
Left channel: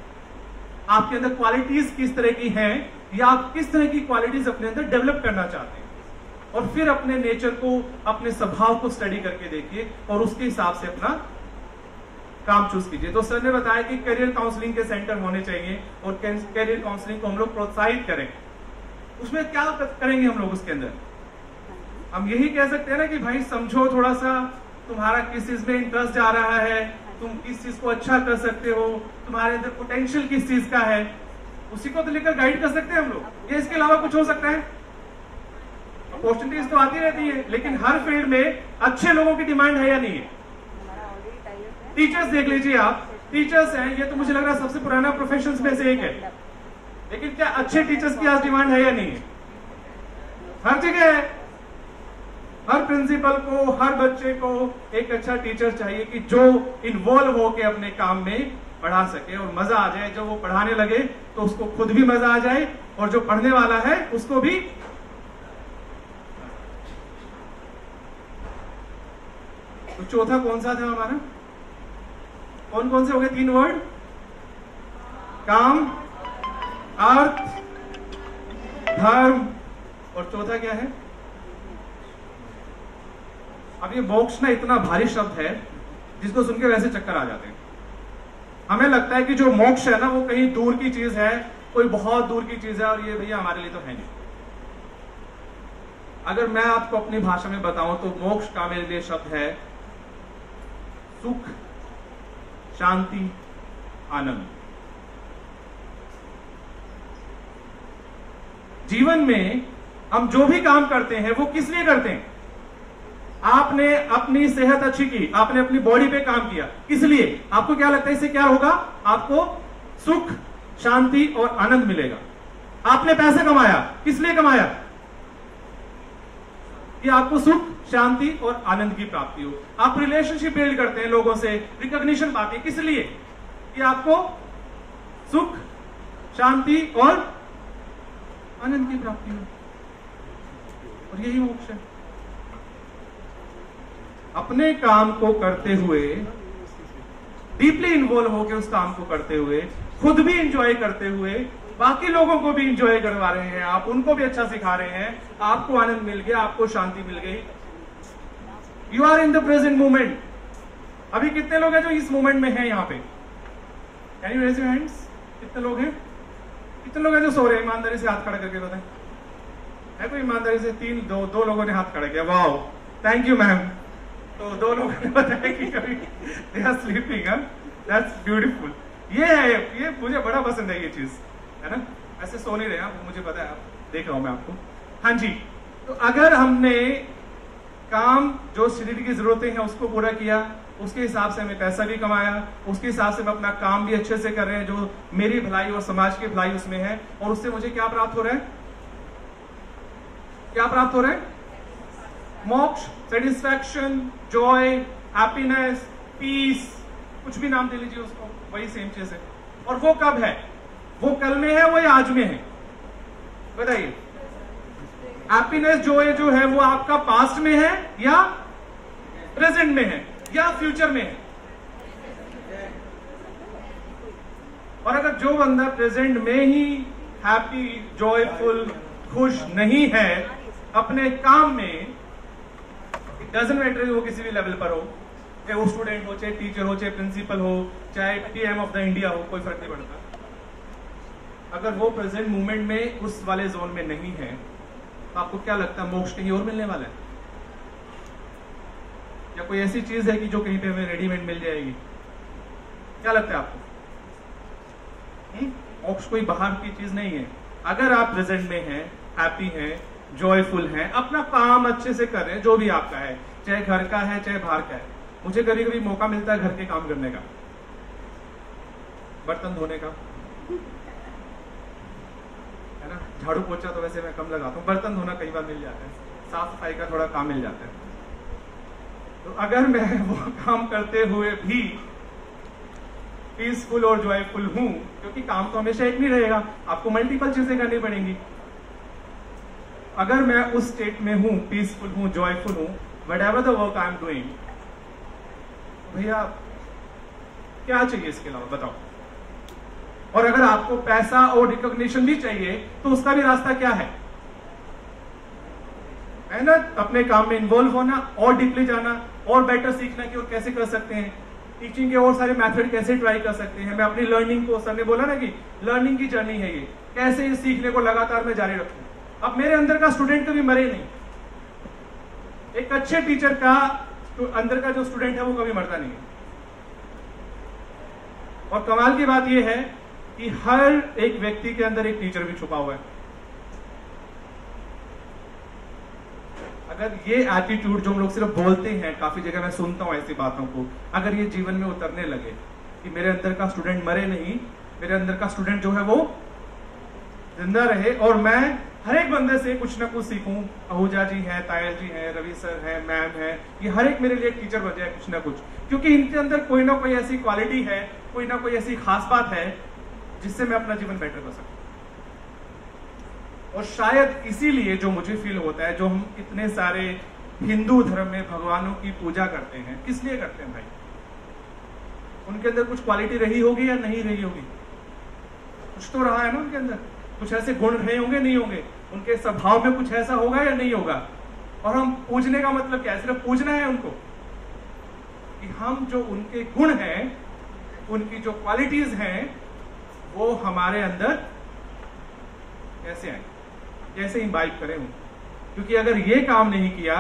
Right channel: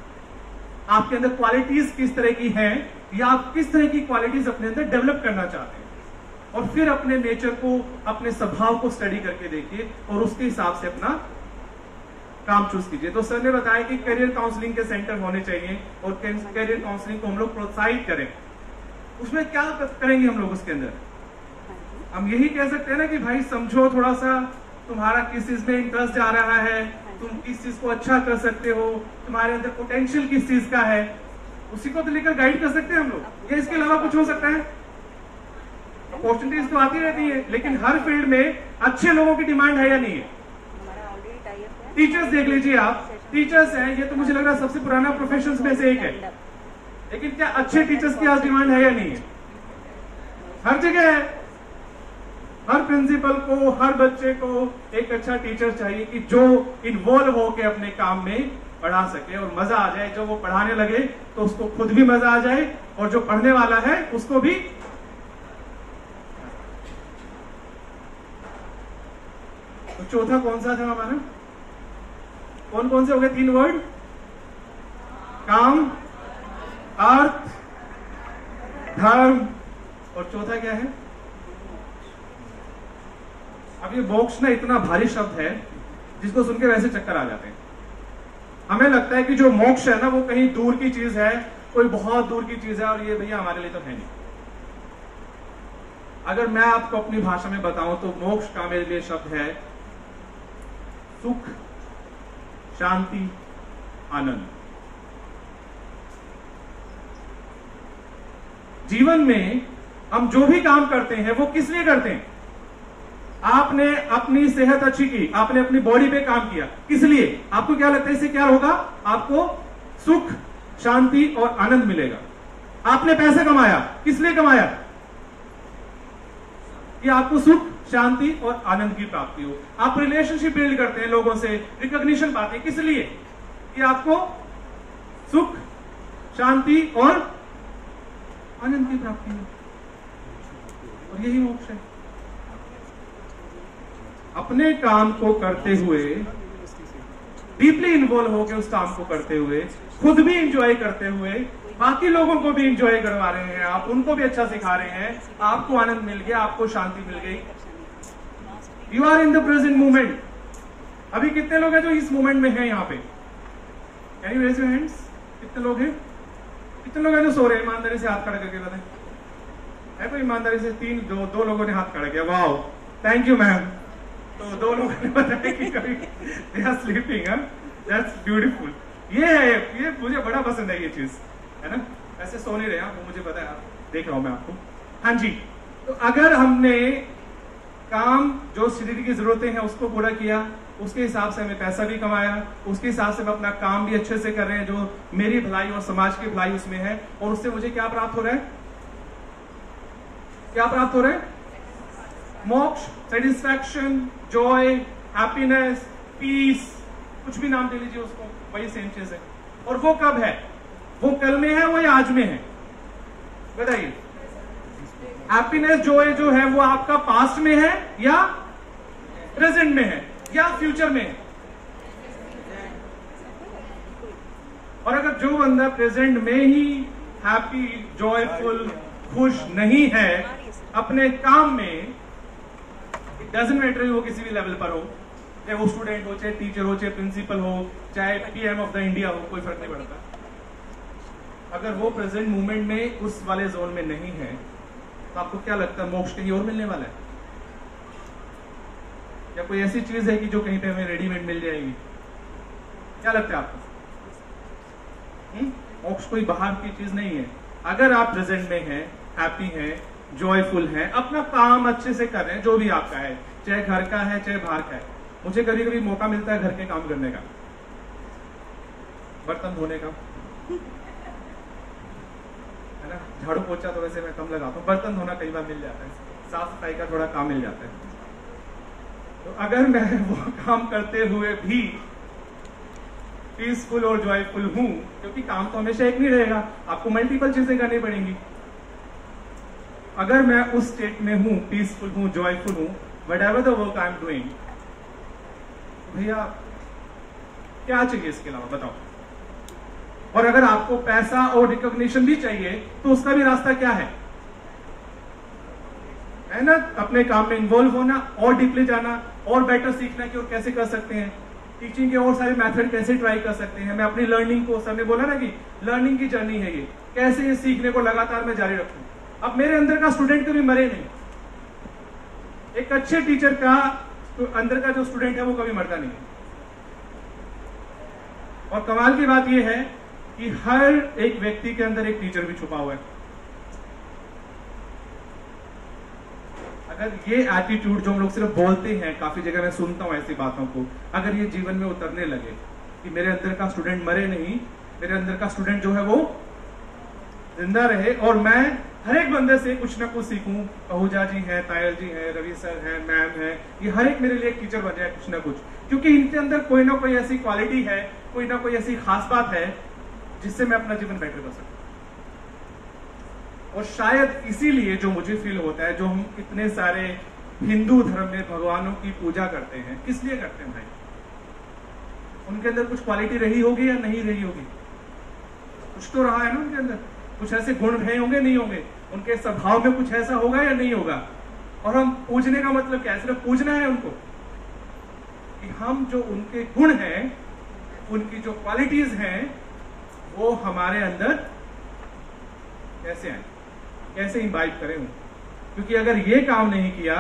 आपके अंदर क्वालिटीज किस तरह की हैं, या आप किस तरह की क्वालिटीज अपने अंदर डेवलप करना चाहते हैं, और फिर अपने नेचर को, अपने स्वभाव को स्टडी करके देखिए और उसके हिसाब से अपना काम चूज कीजिए। तो सर ने बताया कि करियर काउंसलिंग के सेंटर होने चाहिए और करियर काउंसलिंग को हम लोग प्रोत्साहित करें। उसमें क्या करेंगे हम लोग? उसके अंदर हम यही कह सकते हैं ना कि भाई समझो थोड़ा सा, तुम्हारा किस चीज में इंटरेस्ट जा रहा है, तुम किस चीज को अच्छा कर सकते हो, तुम्हारे अंदर पोटेंशियल किस चीज का है, उसी को तो लेकर गाइड कर सकते हैं हम लोग। ये इसके अलावा कुछ हो सकता है? अपॉर्चुनिटीज तो आती रहती है, लेकिन हर फील्ड में अच्छे लोगों की डिमांड है या नहीं है? टीचर्स देख लीजिए आप, टीचर्स हैं, ये तो मुझे लग रहा है सबसे पुराना प्रोफेशन में से एक है, लेकिन क्या अच्छे टीचर्स की आज डिमांड है या नहीं है? हर जगह है। हर प्रिंसिपल को, हर बच्चे को एक अच्छा टीचर चाहिए कि जो इन्वॉल्व होकर अपने काम में पढ़ा सके और मजा आ जाए। जो वो पढ़ाने लगे तो उसको खुद भी मजा आ जाए और जो पढ़ने वाला है उसको भी। तो चौथा कौन सा था हमारा? कौन कौन से हो गए? 3 वर्ड, काम, अर्थ, धर्म, और चौथा क्या है? अब ये मोक्ष ना इतना भारी शब्द है जिसको सुन के वैसे चक्कर आ जाते हैं। हमें लगता है कि जो मोक्ष है ना वो कहीं दूर की चीज है, कोई बहुत दूर की चीज है, और ये भैया हमारे लिए तो है नहीं। अगर मैं आपको अपनी भाषा में बताऊं तो मोक्ष का मेरे लिए शब्द है सुख, शांति, आनंद। जीवन में हम जो भी काम करते हैं वो किस लिए करते हैं? आपने अपनी सेहत अच्छी की, आपने अपनी बॉडी पे काम किया, किस लिए? आपको क्या लगता है इससे क्या होगा? आपको सुख, शांति और आनंद मिलेगा। आपने पैसा कमाया, किस लिए कमाया? कि आपको सुख, शांति और आनंद की प्राप्ति हो। आप रिलेशनशिप बिल्ड करते हैं लोगों से, रिकॉग्निशन पाते हैं, किस लिए? कि आपको सुख, शांति और आनंद की प्राप्ति हो। और यही मोक्ष है। अपने काम को करते हुए, डीपली इन्वॉल्व होकर उस काम को करते हुए, खुद भी इंजॉय करते हुए, बाकी लोगों को भी इंजॉय करवा रहे हैं, आप उनको भी अच्छा सिखा रहे हैं, आपको आनंद मिल गया, आपको शांति मिल गई। You are in the present moment. अभी कितने लोग हैं जो इस मोमेंट में हैं यहाँ पे? Can you raise your hands? कितने लोग हैं? कितने लोग हैं जो सो रहे हैं? ईमानदारी से हाथ खड़ा करके बताएं। है कोई ईमानदारी से? दो लोगों ने हाथ खड़ा किया। वाह, थैंक यू मैम। तो 2 लोगों ने बताया कि कभी they are sleeping. That's beautiful. ये है, ये मुझे बड़ा पसंद है ये चीज, है ना? ऐसे सो नहीं रहे आप, मुझे पता है, देख रहा हूं मैं आपको। हाँ जी, तो अगर हमने काम जो शरीर की जरूरतें हैं उसको पूरा किया, उसके हिसाब से हमने पैसा भी कमाया, उसके हिसाब से हम अपना काम भी अच्छे से कर रहे हैं, जो मेरी भलाई और समाज की भलाई उसमें है, और उससे मुझे क्या प्राप्त हो रहा है? क्या प्राप्त हो रहा है? मोक्ष, सेटिस्फैक्शन, जॉय, हैप्पीनेस, पीस, कुछ भी नाम दे लीजिए उसको, वही सेम चीज है। और वो कब है? वो कल में है, वो आज में है? बताइए। हैप्पीनेस, जॉय जो है वो आपका पास्ट में है या प्रेजेंट में है या फ्यूचर में है? और अगर जो बंदा प्रेजेंट में ही हैप्पी, जॉयफुल, खुश नहीं है अपने काम में, डजंट मैटर वो किसी भी लेवल पर हो, चाहे वो स्टूडेंट हो, चाहे टीचर हो, चाहे प्रिंसिपल हो, चाहे पीएम ऑफ द इंडिया हो, कोई फर्क नहीं पड़ता। अगर वो प्रेजेंट मूवमेंट में उस वाले जोन में नहीं है, तो आपको क्या लगता है मोक्ष कहीं और मिलने वाला है? या कोई ऐसी चीज है कि जो कहीं पे हमें रेडीमेड मिल जाएगी? क्या लगता है आपको? मोक्ष कोई बाहर की चीज नहीं है। अगर आप प्रेजेंट में हैं, हैप्पी हैं, जॉयफुल हैं, अपना काम अच्छे से कर रहे हैं, जो भी आपका है, चाहे घर का है चाहे बाहर का है। मुझे कभी कभी मौका मिलता है घर के काम करने का, बर्तन धोने का, है ना? झाड़ू पोछा तो वैसे मैं कम लगाता हूँ, बर्तन धोना कई बार मिल जाता है, साफ सफाई का थोड़ा काम मिल जाता है। तो अगर मैं वो काम करते हुए भी पीसफुल और जॉयफुल हूं, क्योंकि काम तो हमेशा एक नहीं रहेगा, आपको मल्टीपल चीजें करनी पड़ेंगी। अगर मैं उस स्टेट में हूं, पीसफुल हूं, जॉयफुल हूं, what ever the work I am doing, भैया क्या चाहिए इसके अलावा बताओ? और अगर आपको पैसा और रिकॉग्निशन भी चाहिए तो उसका भी रास्ता क्या है ना? अपने काम में इन्वॉल्व होना और डीपली जाना और बेटर सीखना कि और कैसे कर सकते हैं, टीचिंग के और सारे मेथड कैसे ट्राई कर सकते हैं। मैं अपनी लर्निंग को, सर ने बोला ना कि लर्निंग की जर्नी है ये, कैसे ये सीखने को लगातार मैं जारी रखूं। अब मेरे अंदर का स्टूडेंट कभी मरे नहीं, एक अच्छे टीचर का अंदर का जो स्टूडेंट है वो कभी मरता नहीं है। और कमाल की बात यह है कि हर एक व्यक्ति के अंदर एक टीचर भी छुपा हुआ है। अगर ये एटीट्यूड जो हम लोग सिर्फ बोलते हैं, काफी जगह मैं सुनता हूं ऐसी बातों को, अगर ये जीवन में उतरने लगे कि मेरे अंदर का स्टूडेंट मरे नहीं, मेरे अंदर का स्टूडेंट जो है वो जिंदा रहे, और मैं हर एक बंदे से कुछ ना कुछ सीखूं। आहूजा जी हैं, तायल जी हैं, रवि सर हैं, मैम है, ये हर एक मेरे लिए एक टीचर बन जाए कुछ ना कुछ, क्योंकि इनके अंदर कोई ना कोई ऐसी क्वालिटी है, कोई ना कोई ऐसी खास बात है जिससे मैं अपना जीवन बेटर कर सकूं। और शायद इसीलिए जो मुझे फील होता है, जो हम इतने सारे हिंदू धर्म में भगवानों की पूजा करते हैं, किस लिए करते हैं भाई? उनके अंदर कुछ क्वालिटी रही होगी या नहीं रही होगी? कुछ तो रहा है ना उनके अंदर, कुछ ऐसे गुण रहे होंगे, नहीं होंगे? उनके स्वभाव में कुछ ऐसा होगा या नहीं होगा? और हम पूजने का मतलब क्या है? सिर्फ पूजना है उनको, कि हम जो उनके गुण हैं, उनकी जो क्वालिटीज हैं, वो हमारे अंदर कैसे आए, कैसे इम्बाइब करें उनको? क्योंकि अगर ये काम नहीं किया,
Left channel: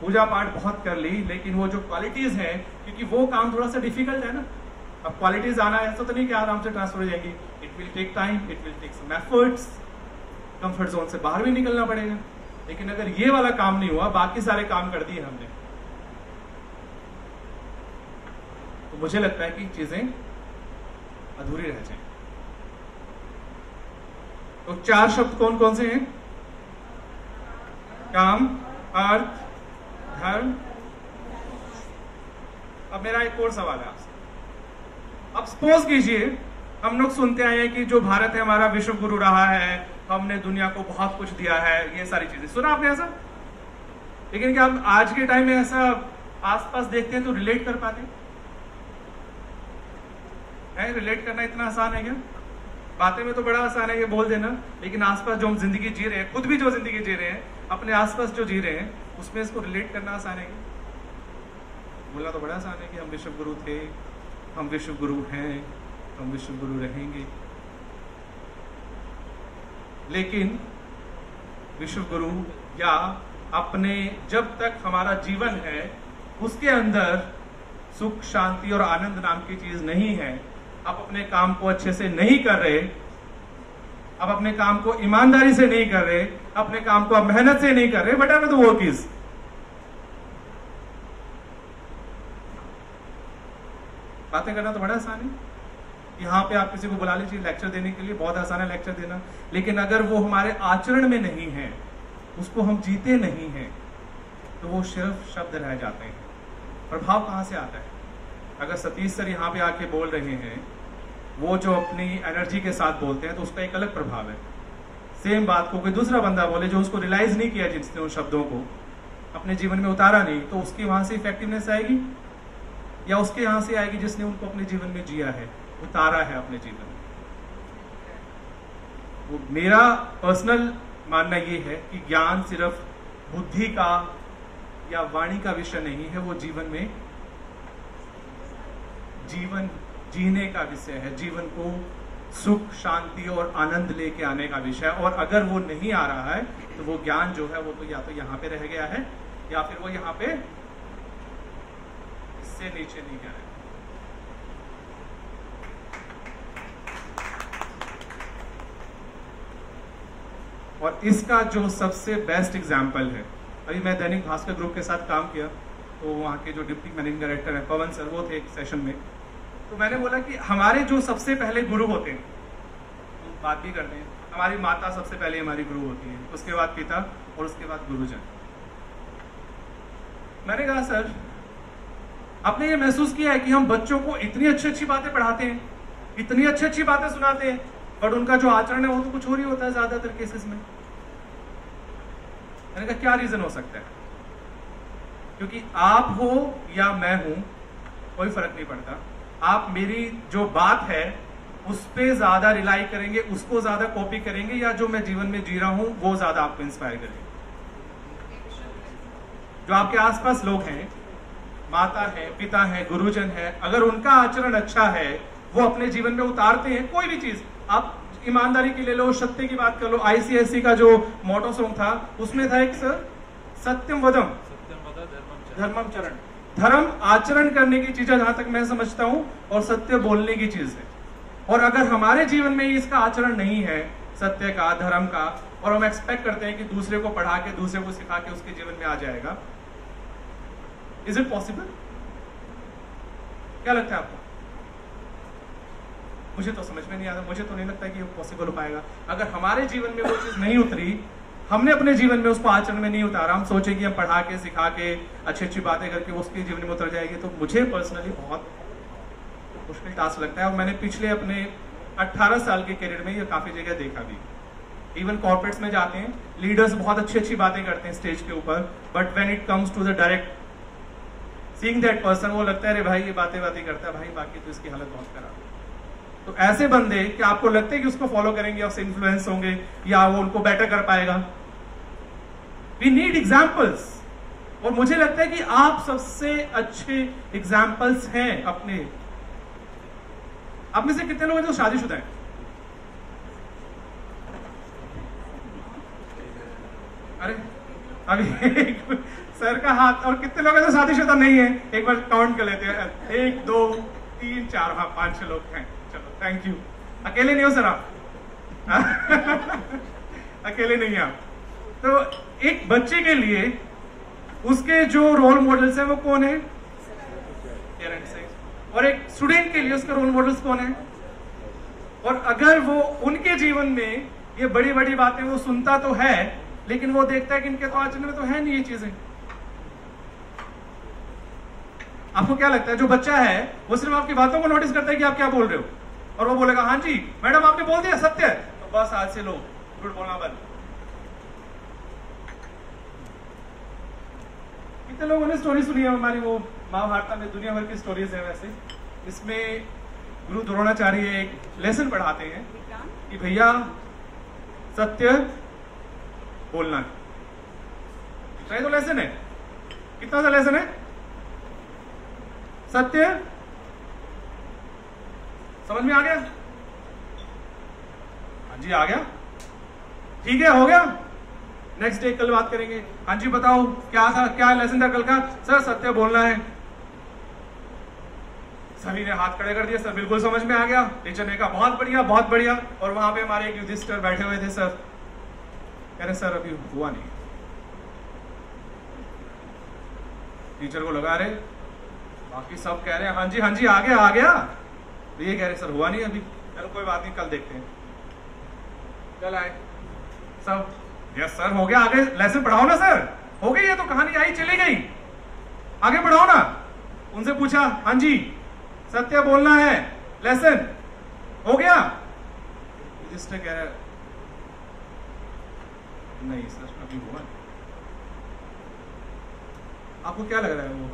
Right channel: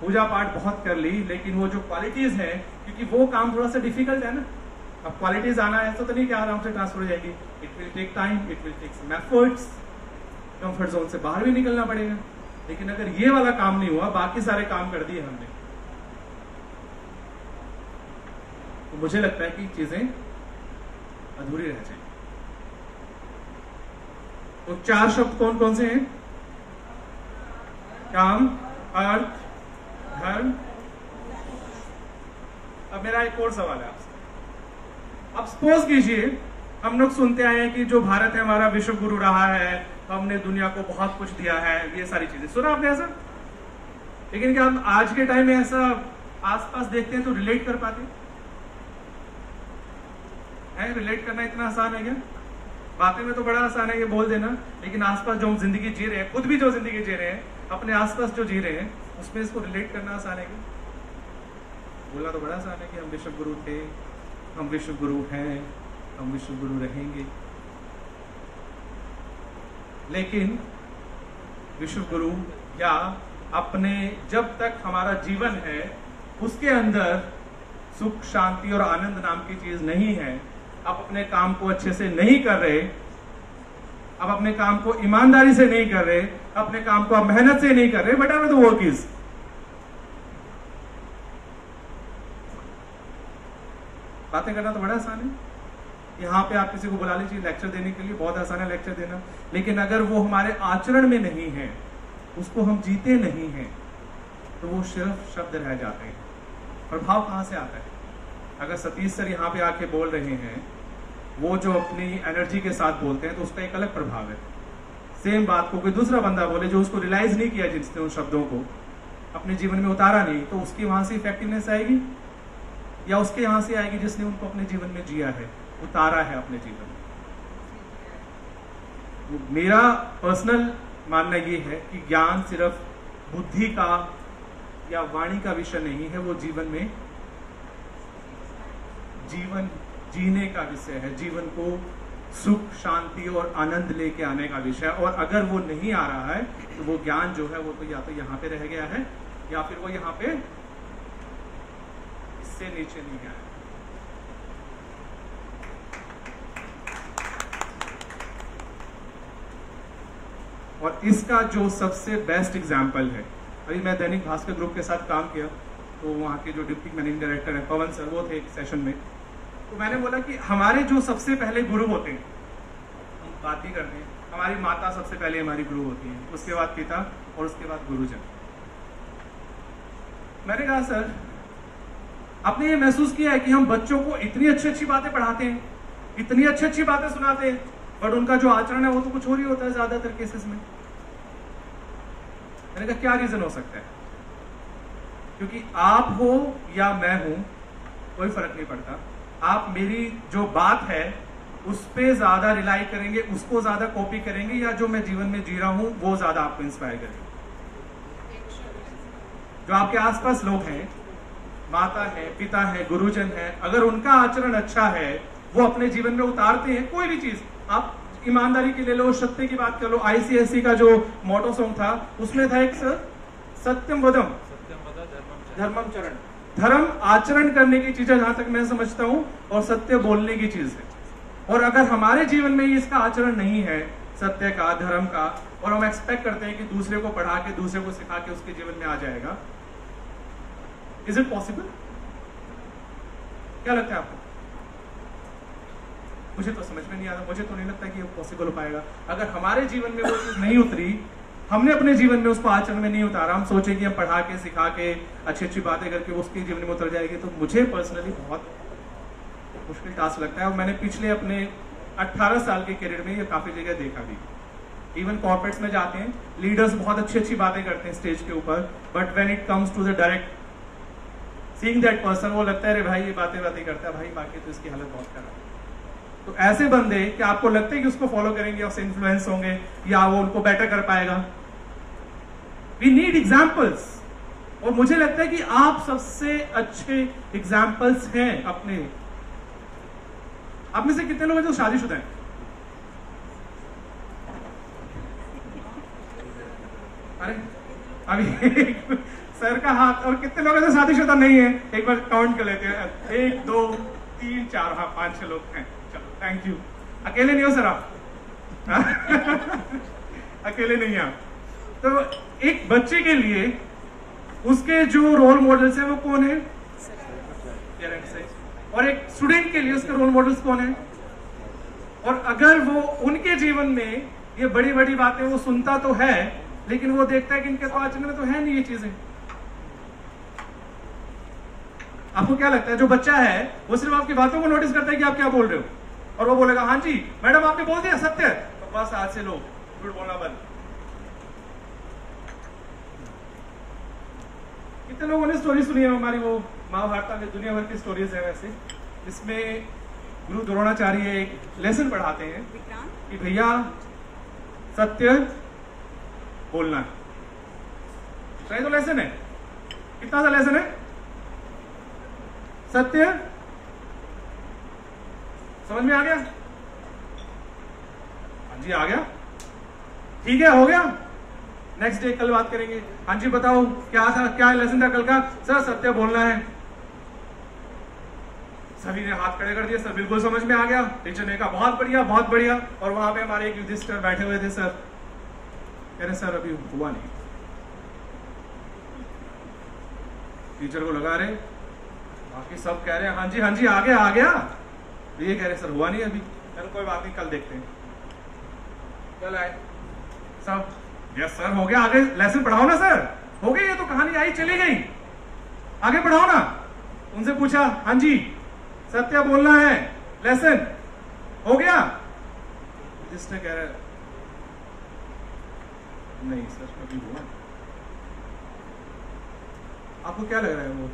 पूजा पाठ बहुत कर ली, लेकिन वो जो क्वालिटीज हैं, क्योंकि वो काम थोड़ा सा डिफिकल्ट है ना। अब क्वालिटीज आना ऐसा तो नहीं कि आराम से ट्रांसफर हो जाएगी, it will take time, it will take some efforts, comfort zone से बाहर भी निकलना पड़ेगा। लेकिन अगर ये वाला काम नहीं हुआ, बाकी सारे काम कर दिए हमने, तो मुझे लगता है कि चीजें अधूरी रह जाएंगी। तो 4 शब्द कौन कौन से हैं? काम, अर्थ, धर्म। अब मेरा एक और सवाल है आपसे। अब सपोज कीजिए हम लोग सुनते आए हैं कि जो भारत है हमारा विश्व गुरु रहा है, हमने दुनिया को बहुत कुछ दिया है, ये सारी चीजें सुना आपने ऐसा? लेकिन क्या हम आज के टाइम में ऐसा आसपास देखते हैं तो रिलेट कर पाते हैं? रिलेट करना इतना आसान है क्या? बातें में तो बड़ा आसान है ये बोल देना, लेकिन आसपास जो हम जिंदगी जी रहे हैं, खुद भी जो जिंदगी जी रहे हैं, अपने आसपास जो जी रहे हैं, उसमें इसको रिलेट करना आसान है क्या? बोलना तो बड़ा आसान है कि हम विश्व गुरु थे, हम विश्व गुरु हैं, हम विश्व गुरु रहेंगे। लेकिन विश्व गुरु या अपने जब तक हमारा जीवन है उसके अंदर सुख, शांति और आनंद नाम की चीज नहीं है, आप अपने काम को अच्छे से नहीं कर रहे, आप अपने काम को ईमानदारी से नहीं कर रहे, अपने काम को आप मेहनत से नहीं कर रहे, what ever the work is, बातें करना तो बड़ा आसान है। यहाँ पे आप किसी को बुला लीजिए लेक्चर देने के लिए, बहुत आसान है लेक्चर देना, लेकिन अगर वो हमारे आचरण में नहीं है, उसको हम जीते नहीं हैं, तो वो सिर्फ शब्द रह जाते हैं। प्रभाव कहाँ से आता है? अगर सतीश सर यहाँ पे आके बोल रहे हैं, वो जो अपनी एनर्जी के साथ बोलते हैं, तो उसका एक अलग प्रभाव है। सेम बात को कोई दूसरा बंदा बोले जो उसको रियलाइज नहीं किया, जिसने उन शब्दों को अपने जीवन में उतारा नहीं, तो उसकी वहां से इफेक्टिवनेस आएगी, या उसके यहां से आएगी जिसने उनको अपने जीवन में जिया है, उतारा है अपने जीवन में। मेरा पर्सनल मानना ये है कि ज्ञान सिर्फ बुद्धि का या वाणी का विषय नहीं है, वो जीवन में जीवन जीने का विषय है, जीवन को सुख, शांति और आनंद लेके आने का विषय। और अगर वो नहीं आ रहा है तो वो ज्ञान जो है वो तो या तो यहाँ पे रह गया है, या फिर वो यहाँ पे इससे नीचे नहीं गया है। और इसका जो सबसे बेस्ट एग्जाम्पल है, अभी मैं दैनिक भास्कर ग्रुप के साथ काम किया, तो वहाँ के जो डिप्टी मैनेजिंग डायरेक्टर है पवन सर, वो थे एक सेशन में, तो मैंने बोला कि हमारे जो सबसे पहले गुरु होते हैं, हम बात ही करते हैं, हमारी माता सबसे पहले हमारी गुरु होती है, उसके बाद पिता और उसके बाद गुरुजन। मैंने कहा सर, आपने ये महसूस किया है कि हम बच्चों को इतनी अच्छी अच्छी बातें पढ़ाते हैं, इतनी अच्छी अच्छी बातें सुनाते हैं, बट उनका जो आचरण है वो तो कुछ और ही होता है ज्यादातर केसेस में। मैंने कहा क्या रीजन हो सकता है? क्योंकि आप हो या मैं हूं, कोई फर्क नहीं पड़ता, आप मेरी जो बात है उस पे ज्यादा रिलाई करेंगे, उसको ज्यादा कॉपी करेंगे, या जो मैं जीवन में जी रहा हूं वो ज्यादा आपको इंस्पायर करेंगे। जो आपके आसपास लोग हैं, माता है, पिता है, गुरुजन है, अगर उनका आचरण अच्छा है, वो अपने जीवन में उतारते हैं कोई भी चीज, आप ईमानदारी की ले लो, सत्य की बात कर लो, आईसीएससी का जो मोटो सॉन्ग था उसमें था एक सत्यम वदम धर्मम चरण, धर्म आचरण करने की चीज है जहां तक मैं समझता हूं, और सत्य बोलने की चीज है। और अगर हमारे जीवन में इसका आचरण नहीं है, सत्य का, धर्म का, और हम एक्सपेक्ट करते हैं कि दूसरे को पढ़ा के, दूसरे को सिखा के उसके जीवन में आ जाएगा, इज इट पॉसिबल? क्या लगता है आपको? मुझे तो समझ में नहीं आता, मुझे तो नहीं लगता कि पॉसिबल हो पाएगा। अगर हमारे जीवन में वो चीज नहीं उतरी, हमने अपने जीवन में उसको आचरण में नहीं उतारा, हम सोचे कि हम पढ़ा के, सिखा के, अच्छी अच्छी बातें करके उसके जीवन में उतर जाएगी, तो मुझे पर्सनली बहुत मुश्किल टास्क लगता है। और मैंने पिछले अपने 18 साल के करियर में ये काफी जगह देखा भी। इवन कॉर्पोरेट्स में जाते हैं, लीडर्स बहुत अच्छी अच्छी बातें करते हैं स्टेज के ऊपर, but when it comes to the direct seeing that person, वो लगता है अरे भाई ये बातें करता है भाई, बाकी तो इसकी हालत बहुत खराब है। तो ऐसे बंदे कि आपको लगता है कि उसको फॉलो करेंगे, उससे इन्फ्लुएंस होंगे, या वो उनको बेटर कर पाएगा। वी नीड एग्जाम्पल्स, और मुझे लगता है कि आप सबसे अच्छे एग्जाम्पल्स हैं अपने। आप में से कितने लोग हैं जो शादीशुदा हैं? अरे अभी सर का हाथ। और कितने लोग हैं जो शादीशुदा नहीं है? एक बार काउंट कर लेते हैं, 1 2 3 4, हाँ 5-6 लोग हैं। चलो थैंक यू। अकेले नहीं हो सर आप अकेले नहीं हैं आप। तो एक बच्चे के लिए उसके जो रोल मॉडल्स हैं वो कौन है? पेरेंट्स है। और एक स्टूडेंट के लिए उसके रोल मॉडल्स कौन है? और अगर वो उनके जीवन में ये बड़ी बड़ी बातें वो सुनता तो है, लेकिन वो देखता है कि इनके तो आचरण में तो है नहीं ये चीजें। आपको क्या लगता है जो बच्चा है वो सिर्फ आपकी बातों को नोटिस करता है कि आप क्या बोल रहे हो, और वो बोलेगा हाँ जी मैडम आपने बोल दिया सत्य, तो बस आज से लो झूठ बोलना बंद। कितने लोगों ने स्टोरी सुनी है हमारी, वो महाभारत में दुनिया भर की स्टोरीज है वैसे, इसमें गुरु द्रोणाचार्य एक लेसन पढ़ाते हैं कि भैया सत्य बोलना है। तो लेसन है, कितना सा लेसन है? सत्य, समझ में आ गया? हाँ जी आ गया, ठीक है, हो गया। नेक्स्ट डे कल बात करेंगे। हाँ जी बताओ क्या था, क्या लेसन था कल का? सर सत्य बोलना है। सभी ने हाथ खड़े कर दिए, सर बिल्कुल समझ में आ गया। टीचर ने कहा बहुत बढ़िया बहुत बढ़िया। और वहां पे हमारे एक युधिष्ठिर बैठे हुए थे, सर कह रहे सर अभी हुआ नहीं। टीचर को लगा रहे, बाकी सब कह रहे हैं हाँ जी आ गया आ गया। तो ये कह रहे सर हुआ नहीं अभी। अरे कोई बात नहीं, कल देखते हैं। कल आए सब, यस सर हो गया, आगे लेसन पढ़ाओ ना सर। हो गई, ये तो कहानी आई चली गई, आगे पढ़ाओ ना। उनसे पूछा हाँ जी सत्य बोलना है, लेसन हो गया? रजिस्टर कह रहे नहीं सर अभी बोला। आपको क्या लग रहा है, वो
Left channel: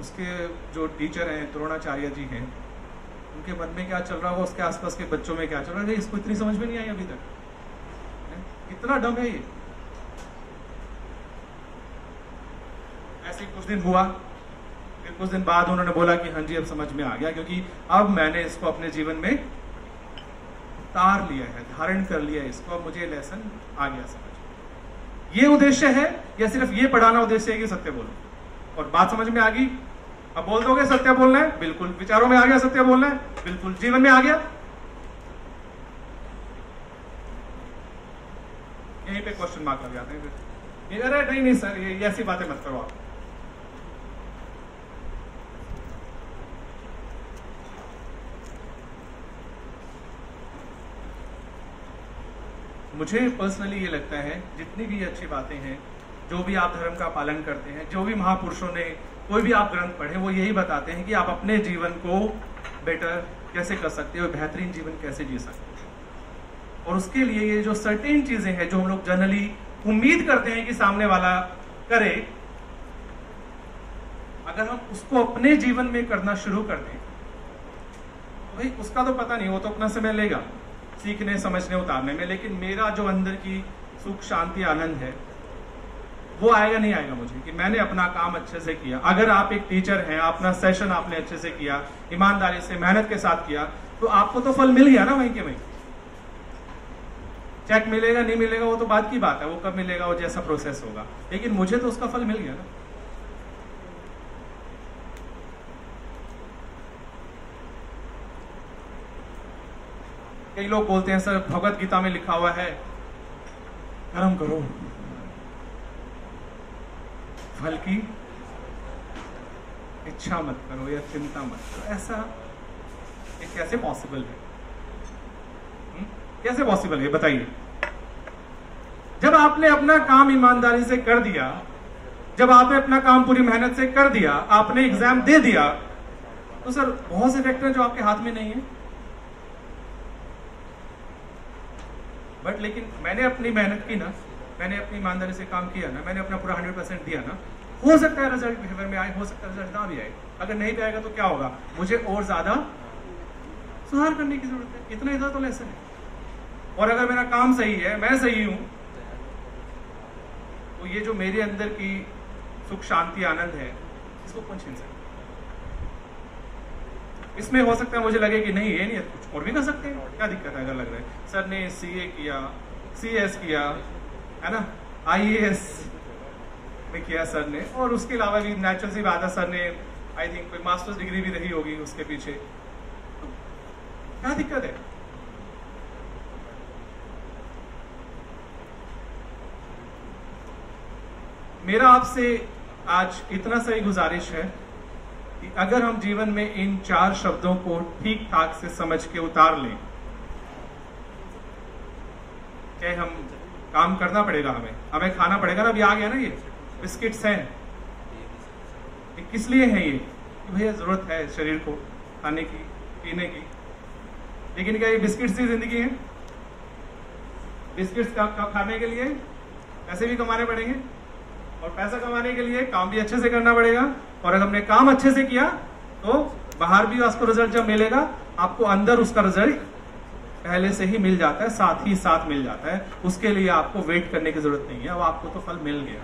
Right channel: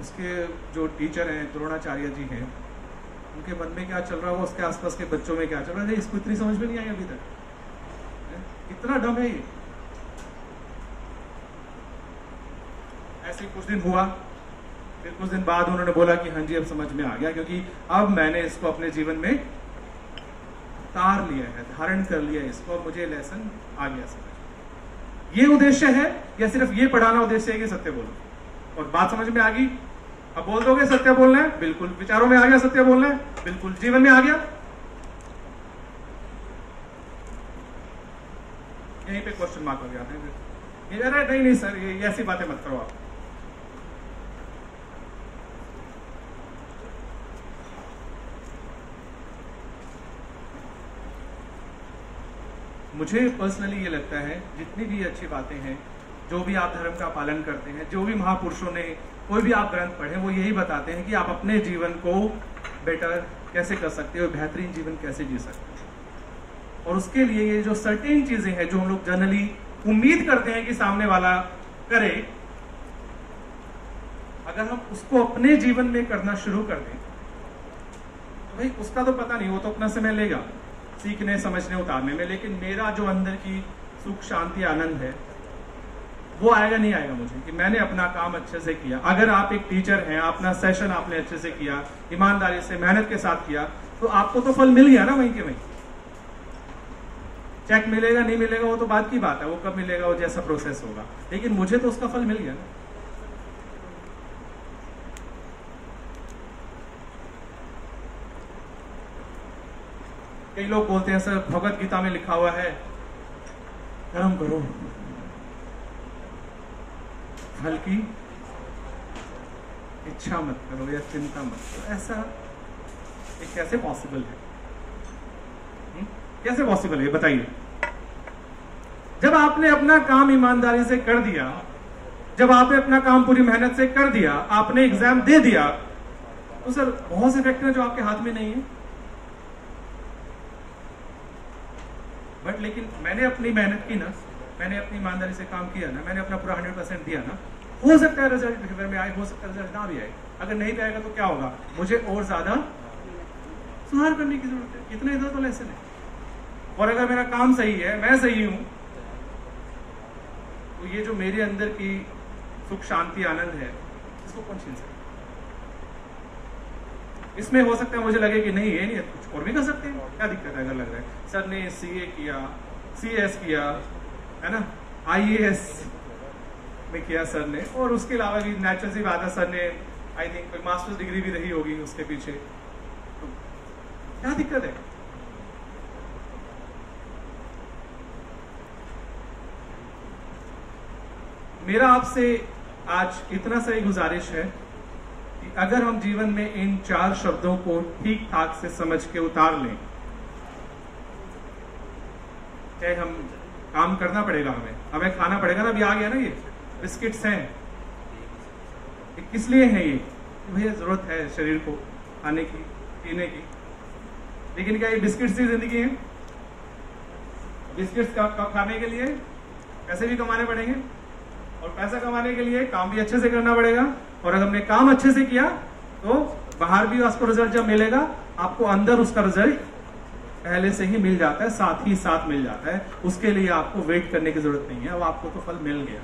उसके जो टीचर हैं द्रोणाचार्य जी हैं, उनके मन में क्या चल रहा होगा, उसके आसपास के बच्चों में क्या चल रहा है? इसको इतनी समझ में नहीं आई अभी तक, इतना डम है ये। ऐसे कुछ दिन हुआ, फिर कुछ दिन बाद उन्होंने बोला कि हाँ जी अब समझ में आ गया, क्योंकि अब मैंने इसको अपने जीवन में तार लिया है, धारण कर लिया है इसको, अब मुझे लेसन आ गया समझ। ये उद्देश्य है या सिर्फ ये पढ़ाना उद्देश्य है कि सत्य बोलो? और बात समझ में आ गई? अब बोल दोगे सत्य बोलना है, बिल्कुल। विचारों में आ गया सत्य बोलना है, बिल्कुल। जीवन में आ गया? यहीं पे क्वेश्चन मार्क लग जाते हैं। अरे नहीं सर ये ऐसी बातें मत करो आप। मुझे पर्सनली ये लगता है जितनी भी अच्छी बातें हैं, जो भी आप धर्म का पालन करते हैं, जो भी महापुरुषों ने कोई भी आप ग्रंथ पढ़े, वो यही बताते हैं कि आप अपने जीवन को बेटर कैसे कर सकते हो, बेहतरीन जीवन कैसे जी सकते हो। और उसके लिए ये जो सर्टेन चीजें हैं जो हम लोग जनरली उम्मीद करते हैं कि सामने वाला करे, अगर हम उसको अपने जीवन में करना शुरू कर दें तो भाई उसका तो पता नहीं, वो तो अपना समय लेगा सीखने समझने उतारने में, लेकिन मेरा जो अंदर की सुख शांति आनंद है वो आएगा नहीं आएगा मुझे कि मैंने अपना काम अच्छे से किया। अगर आप एक टीचर हैं, अपना सेशन आपने अच्छे से किया, ईमानदारी से मेहनत के साथ किया, तो आपको तो फल मिल गया ना वहीं के वहीं। चेक मिलेगा नहीं मिलेगा वो तो बात की बात है, वो कब मिलेगा, वो जैसा प्रोसेस होगा, लेकिन मुझे तो उसका फल मिल गया ना। कई लोग बोलते हैं सर भगवत गीता में लिखा हुआ है कर्म करो फल की इच्छा मत करो या चिंता मत करो। ऐसा ये कैसे पॉसिबल है? कैसे पॉसिबल है बताइए? जब आपने अपना काम ईमानदारी से कर दिया, जब आपने अपना काम पूरी मेहनत से कर दिया, आपने एग्जाम दे दिया, तो सर बहुत से फैक्टर हैं जो आपके हाथ में नहीं है। बट लेकिन मैंने अपनी मेहनत की ना, मैंने अपनी ईमानदारी से काम किया ना, मैंने अपना पूरा 100% दिया ना, हो सकता है रिजल्ट फेवर में आए, हो सकता है रिजल्ट ना भी आए। अगर नहीं भी आएगा तो क्या होगा, मुझे और ज्यादा सुधार करने की जरूरत है। इतना इधर तो लेसन है। और अगर मेरा काम सही है, मैं सही हूं, तो ये जो मेरे अंदर की सुख शांति आनंद है, इसको कौन छीन सकता? इसमें हो सकता है मुझे लगे कि नहीं ये नहीं है, कुछ और भी कर सकते हैं, क्या दिक्कत है? अगर लग रहा है सर ने सीए किया, सीएस किया है ना, आईएएस में किया सर ने, और उसके अलावा भी नेचुरल सी बात है सर ने आई थिंक कोई मास्टर्स डिग्री भी रही होगी उसके पीछे, तो क्या दिक्कत है? मेरा आपसे आज इतना सा ही गुजारिश है कि अगर हम जीवन में इन 4 शब्दों को ठीक ठाक से समझ के उतार लें, चाहे हम काम करना पड़ेगा, हमें खाना पड़ेगा ना। अभी आ गया ना ये बिस्किट्स हैं, ये किस लिए है? ये भैया जरूरत है शरीर को खाने की पीने की, लेकिन क्या ये बिस्किट्स की जिंदगी है? बिस्किट्स खाने के लिए पैसे भी कमाने पड़ेंगे, और पैसा कमाने के लिए काम भी अच्छे से करना पड़ेगा, और अगर हमने काम अच्छे से किया तो बाहर भी आपको रिजल्ट जब मिलेगा, आपको अंदर उसका रिजल्ट पहले से ही मिल जाता है, साथ ही साथ मिल जाता है। उसके लिए आपको वेट करने की जरूरत नहीं है, अब आपको तो फल मिल गया।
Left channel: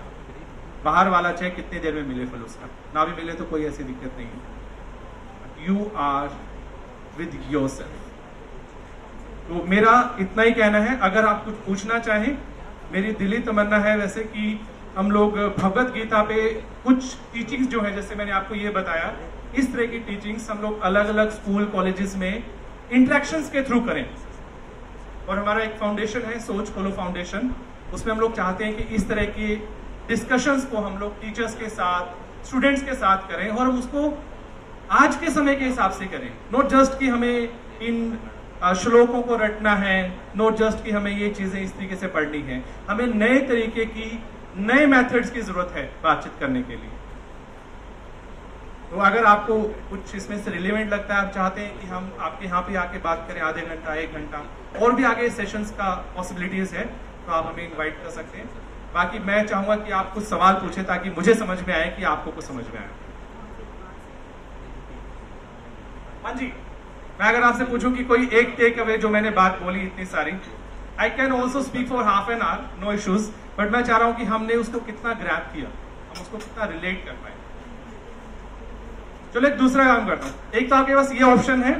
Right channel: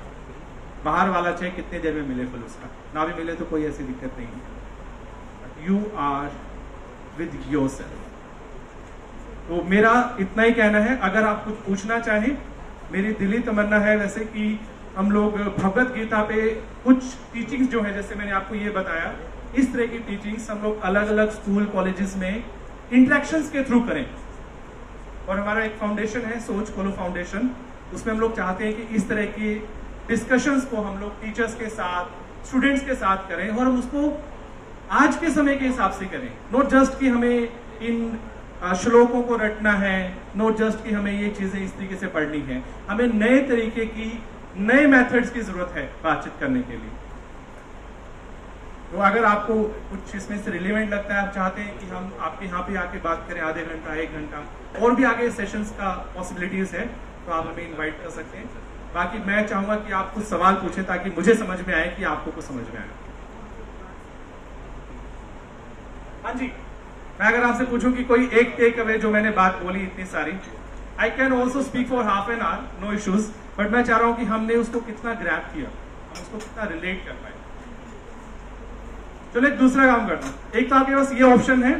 बाहर वाला चाहे कितने देर में मिले फल, उसका ना भी मिले तो कोई ऐसी दिक्कत नहीं है। You are with yourself. तो मेरा इतना ही कहना है। अगर आप कुछ पूछना चाहें, मेरी दिली तमन्ना है वैसे कि हम लोग भगवत गीता पे कुछ टीचिंग्स जो है, जैसे मैंने आपको ये बताया, इस तरह की टीचिंग्स हम लोग अलग अलग स्कूल कॉलेजेस में इंटरेक्शंस के थ्रू करें। और हमारा एक फाउंडेशन है, सोच खोलो फाउंडेशन, उसमें हम लोग चाहते हैं कि इस तरह की डिस्कशंस को हम लोग टीचर्स के साथ, स्टूडेंट्स के साथ करें, और उसको आज के समय के हिसाब से करें। नॉट जस्ट कि हमें इन श्लोकों को रटना है, नॉट जस्ट कि हमें ये चीजें इस तरीके से पढ़नी है, हमें नए तरीके की, नए मेथड्स की जरूरत है बातचीत करने के लिए। तो अगर आपको कुछ इसमें से रिलेवेंट लगता है, आप चाहते हैं कि हम आपके यहाँ पे आके बात करें आधे घंटा, 1 घंटा, और भी आगे सेशंस का पॉसिबिलिटीज है, तो आप हमें इनवाइट कर सकते हैं। बाकी मैं चाहूंगा कि आप कुछ सवाल पूछें ताकि मुझे समझ में आए कि आपको कुछ समझ में आए। हाँ जी, मैं अगर आपसे पूछूं कि कोई एक टेक अवे जो मैंने बात बोली इतनी सारी, I can also speak for half an hour, no issues, but मैं चाह रहा हूं कि हमने उसको कितना ग्रैब किया, हम उसको कितना रिलेट कर पाए। चलो एक दूसरा काम करता हूं। एक तो आपके पास ये ऑप्शन है,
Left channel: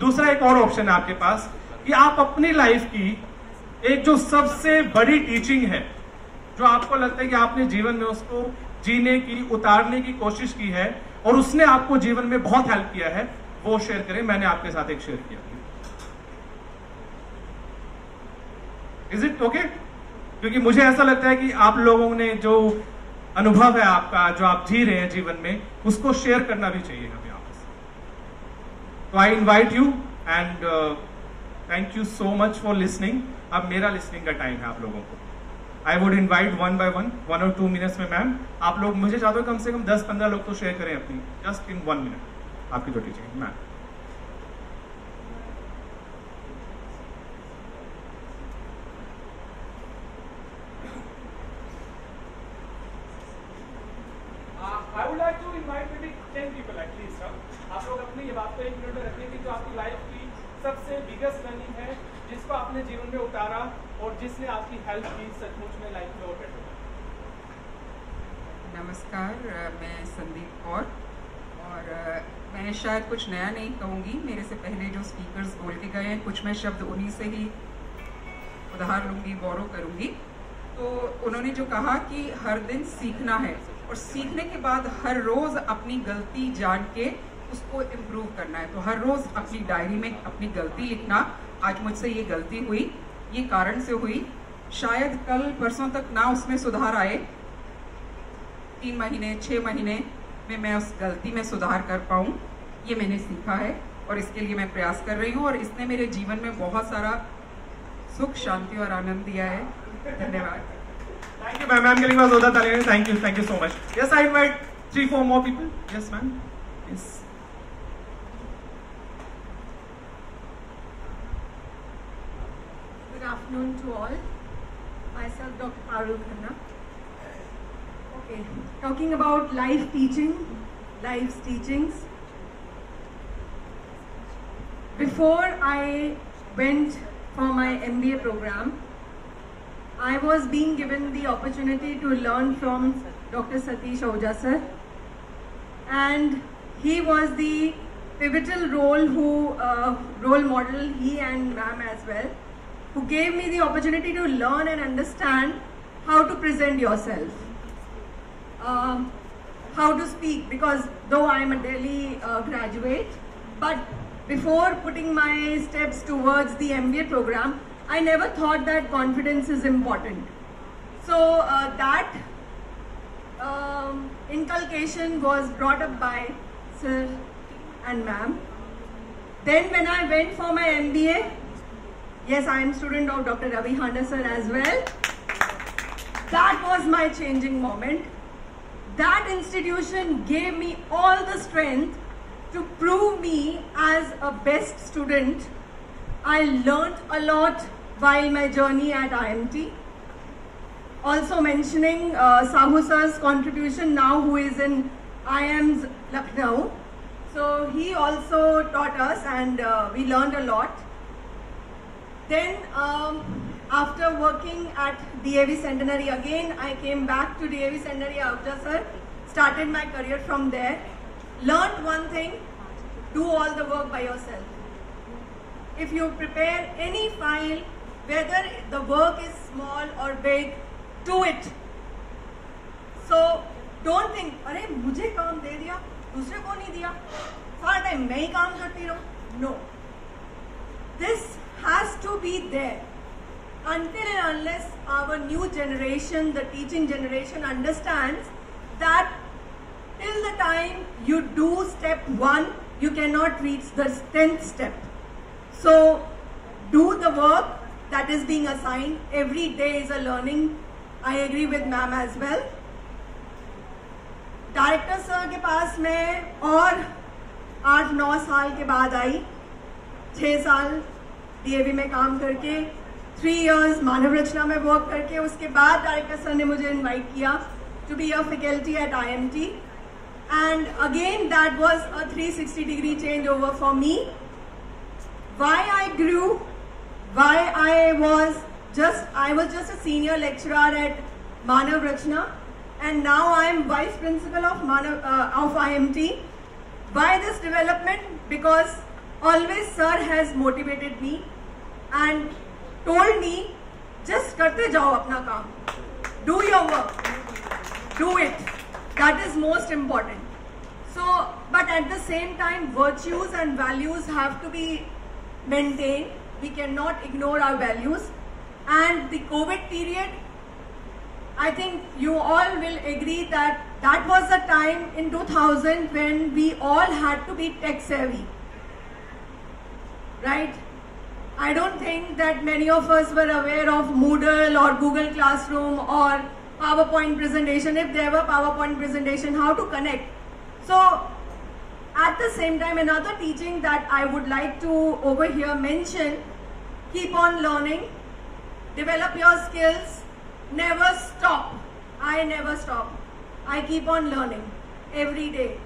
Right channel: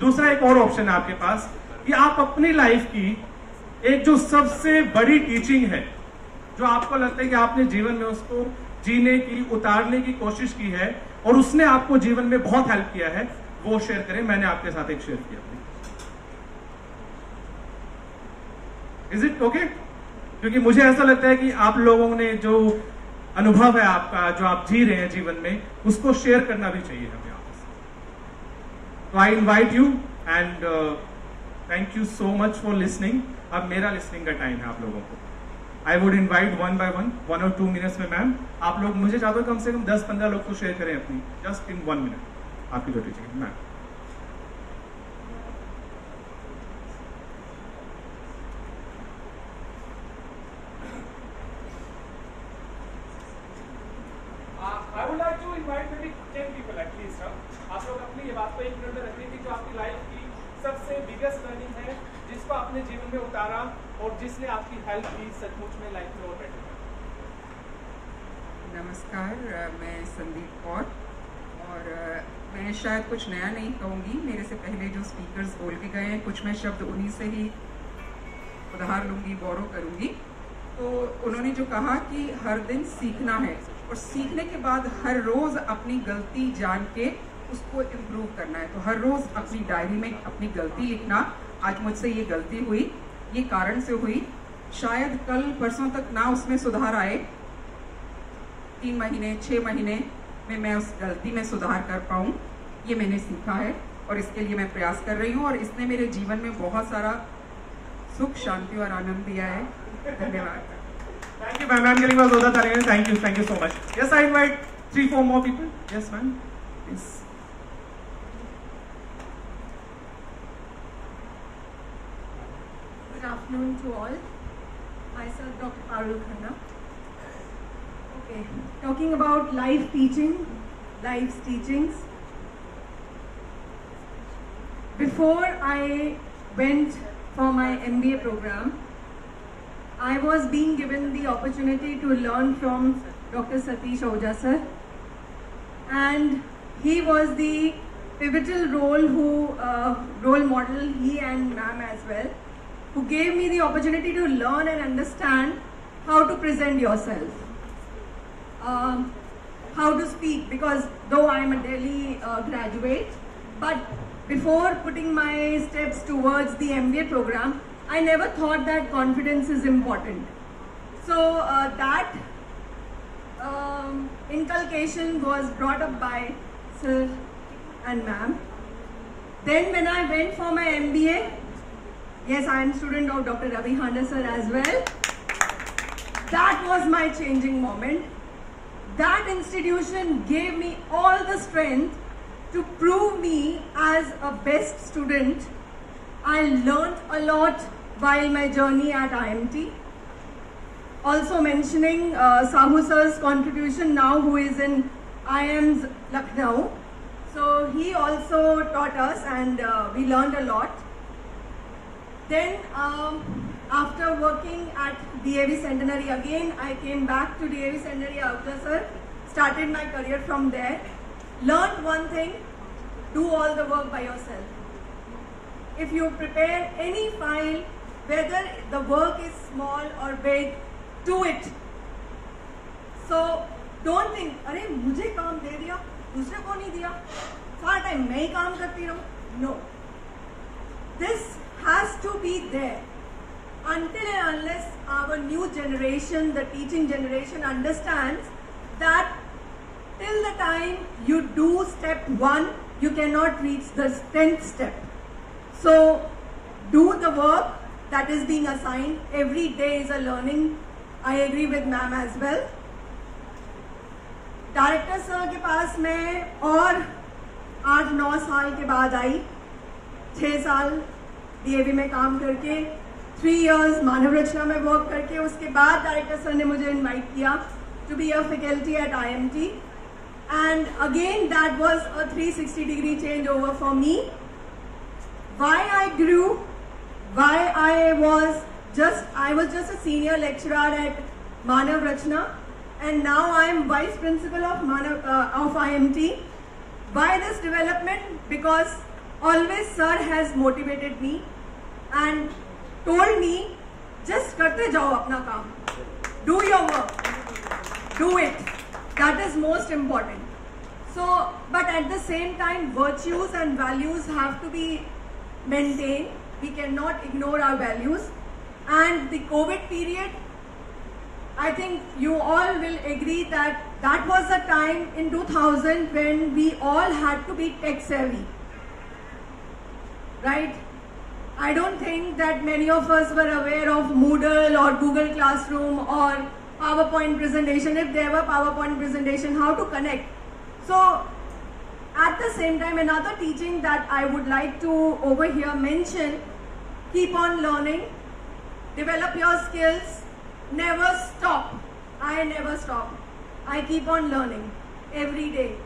दूसरा एक और ऑप्शन है आपके पास कि आप अपनी लाइफ की एक जो सबसे बड़ी टीचिंग है, जो आपको लगता है कि आपने जीवन में उसको जीने की, उतारने की कोशिश की है और उसने आपको जीवन में बहुत हेल्प किया है, वो शेयर करें। मैंने आपके साथ एक शेयर किया, इज इट ओके? क्योंकि मुझे ऐसा लगता है कि आप लोगों ने जो अनुभव है आपका, जो आप जी रहे हैं जीवन में, उसको शेयर करना भी चाहिए हमें आपसे। तो I invite you and thank you so much for listening. अब मेरा लिसनिंग का टाइम है आप लोगों को। I would invite 1 by 1, 1 or 2 minutes में मैम आप लोग, मुझे चाहते हो कम से कम 10-15 लोग तो शेयर करें अपनी, जस्ट इन 1 minute आपकी जो टीचिंग है। Ma'am I would like to invite maybe 10 people at least। आप लोग अपनी ये बात को 1 मिनट में रखें कि जो आपकी लाइफ की सबसे बिगेस्ट लर्निंग है, जिसको आपने जीवन में उतारा और जिसने आपकी हेल्प की सचमुच में लाइफ में और बेटर बना। नमस्कार, मैं संदीप कौर, और मैं शायद कुछ नया नहीं कहूँगी। मेरे से पहले जो स्पीकर्स बोल के गए हैं, कुछ मैं शब्द उन्हीं से ही उधार लूँगी, बोरो करूँगी। तो उन्होंने जो कहा कि हर दिन सीखना है, और सीखने के बाद हर रोज़ अपनी गलती जान के उसको इम्प्रूव करना है। तो हर रोज़ अपनी डायरी में अपनी गलती लिखना, आज मुझसे ये गलती हुई, ये कारण से हुई, शायद कल परसों तक ना उसमें सुधार आए, 3 महीने 6 महीने में मैं उस गलती में सुधार कर पाऊँ, ये मैंने सीखा है और इसके लिए मैं प्रयास कर रही हूँ। और इसने मेरे जीवन में बहुत सारा सुख, शांति और आनंद दिया है। धन्यवाद। Thank you, ma'am. I'm getting my Zoda Talene. Thank you so much. Yes, I invite 3-4 more people. Yes, ma'am. Yes. Good afternoon to all. Myself, Dr. Arul Khanna. Okay, talking about life teaching, life's teachings. Before I went for my MBA program, I was being given the opportunity to learn from Dr. Satish Ahuja sir, and he was the pivotal role model, he and ma'am as well, who gave me the opportunity to learn and understand how to present yourself, how to speak, because though I am a Delhi graduate, but before putting my steps towards the MBA program, I never thought that confidence is important. So that inculcation was brought up by sir and ma'am. Then when I went for my MBA, yes, I am a student of Dr. Ravi Handa sir as well. That was my changing moment. That institution gave me all the strength to prove me as a best student. I learned a lot while my journey at IMT. Also mentioning Sahu sir's contribution now, who is in IIM's Lucknow. So he also taught us, and we learned a lot. Then after working at DAV Centenary again, I came back to DAV Centenary Ahuja sir, started my career from there. Learned one thing: do all the work by yourself. If you prepare any file, whether the work is small or big, do it. So don't think, अरे मुझे काम दे दिया, दूसरे को नहीं दिया, सारा time मैं ही काम करती रहूं. No. This has to be there. Until and unless our new generation, the teaching generation, understands that till the time you do step 1, you cannot reach the 10th step. So do the work that is being assigned. Every day is a learning. I agree with ma'am as well. Director sir के पास मैं और 8-9 साल के बाद आई. 6 साल DAV में काम करके, 3 years मानव रचना में वर्क करके, उसके बाद डायरेक्टर सर ने मुझे इनवाइट किया to be a faculty at IMT. And again that was a 360-degree changeover for me. Why I grew, why I was just a senior lecturer at Manav Rachna, and now I am vice principal of IMT. Why this development? Because always sir has motivated me and told me, just karte jao apna kaam, do your work, do it. That is most important. So, but at the same time, virtues and values have to be maintained. We cannot ignore our values. And the COVID period, I think you all will agree that that was the time in 2000 when we all had to be tech savvy, right? I don't think that many of us were aware of Moodle or Google Classroom or PowerPoint presentation. If there were PowerPoint presentation, how to connect. So at the same time, another teaching that I would like to over here mention: keep on learning, develop your skills, never stop. I never stop. I keep on learning every day.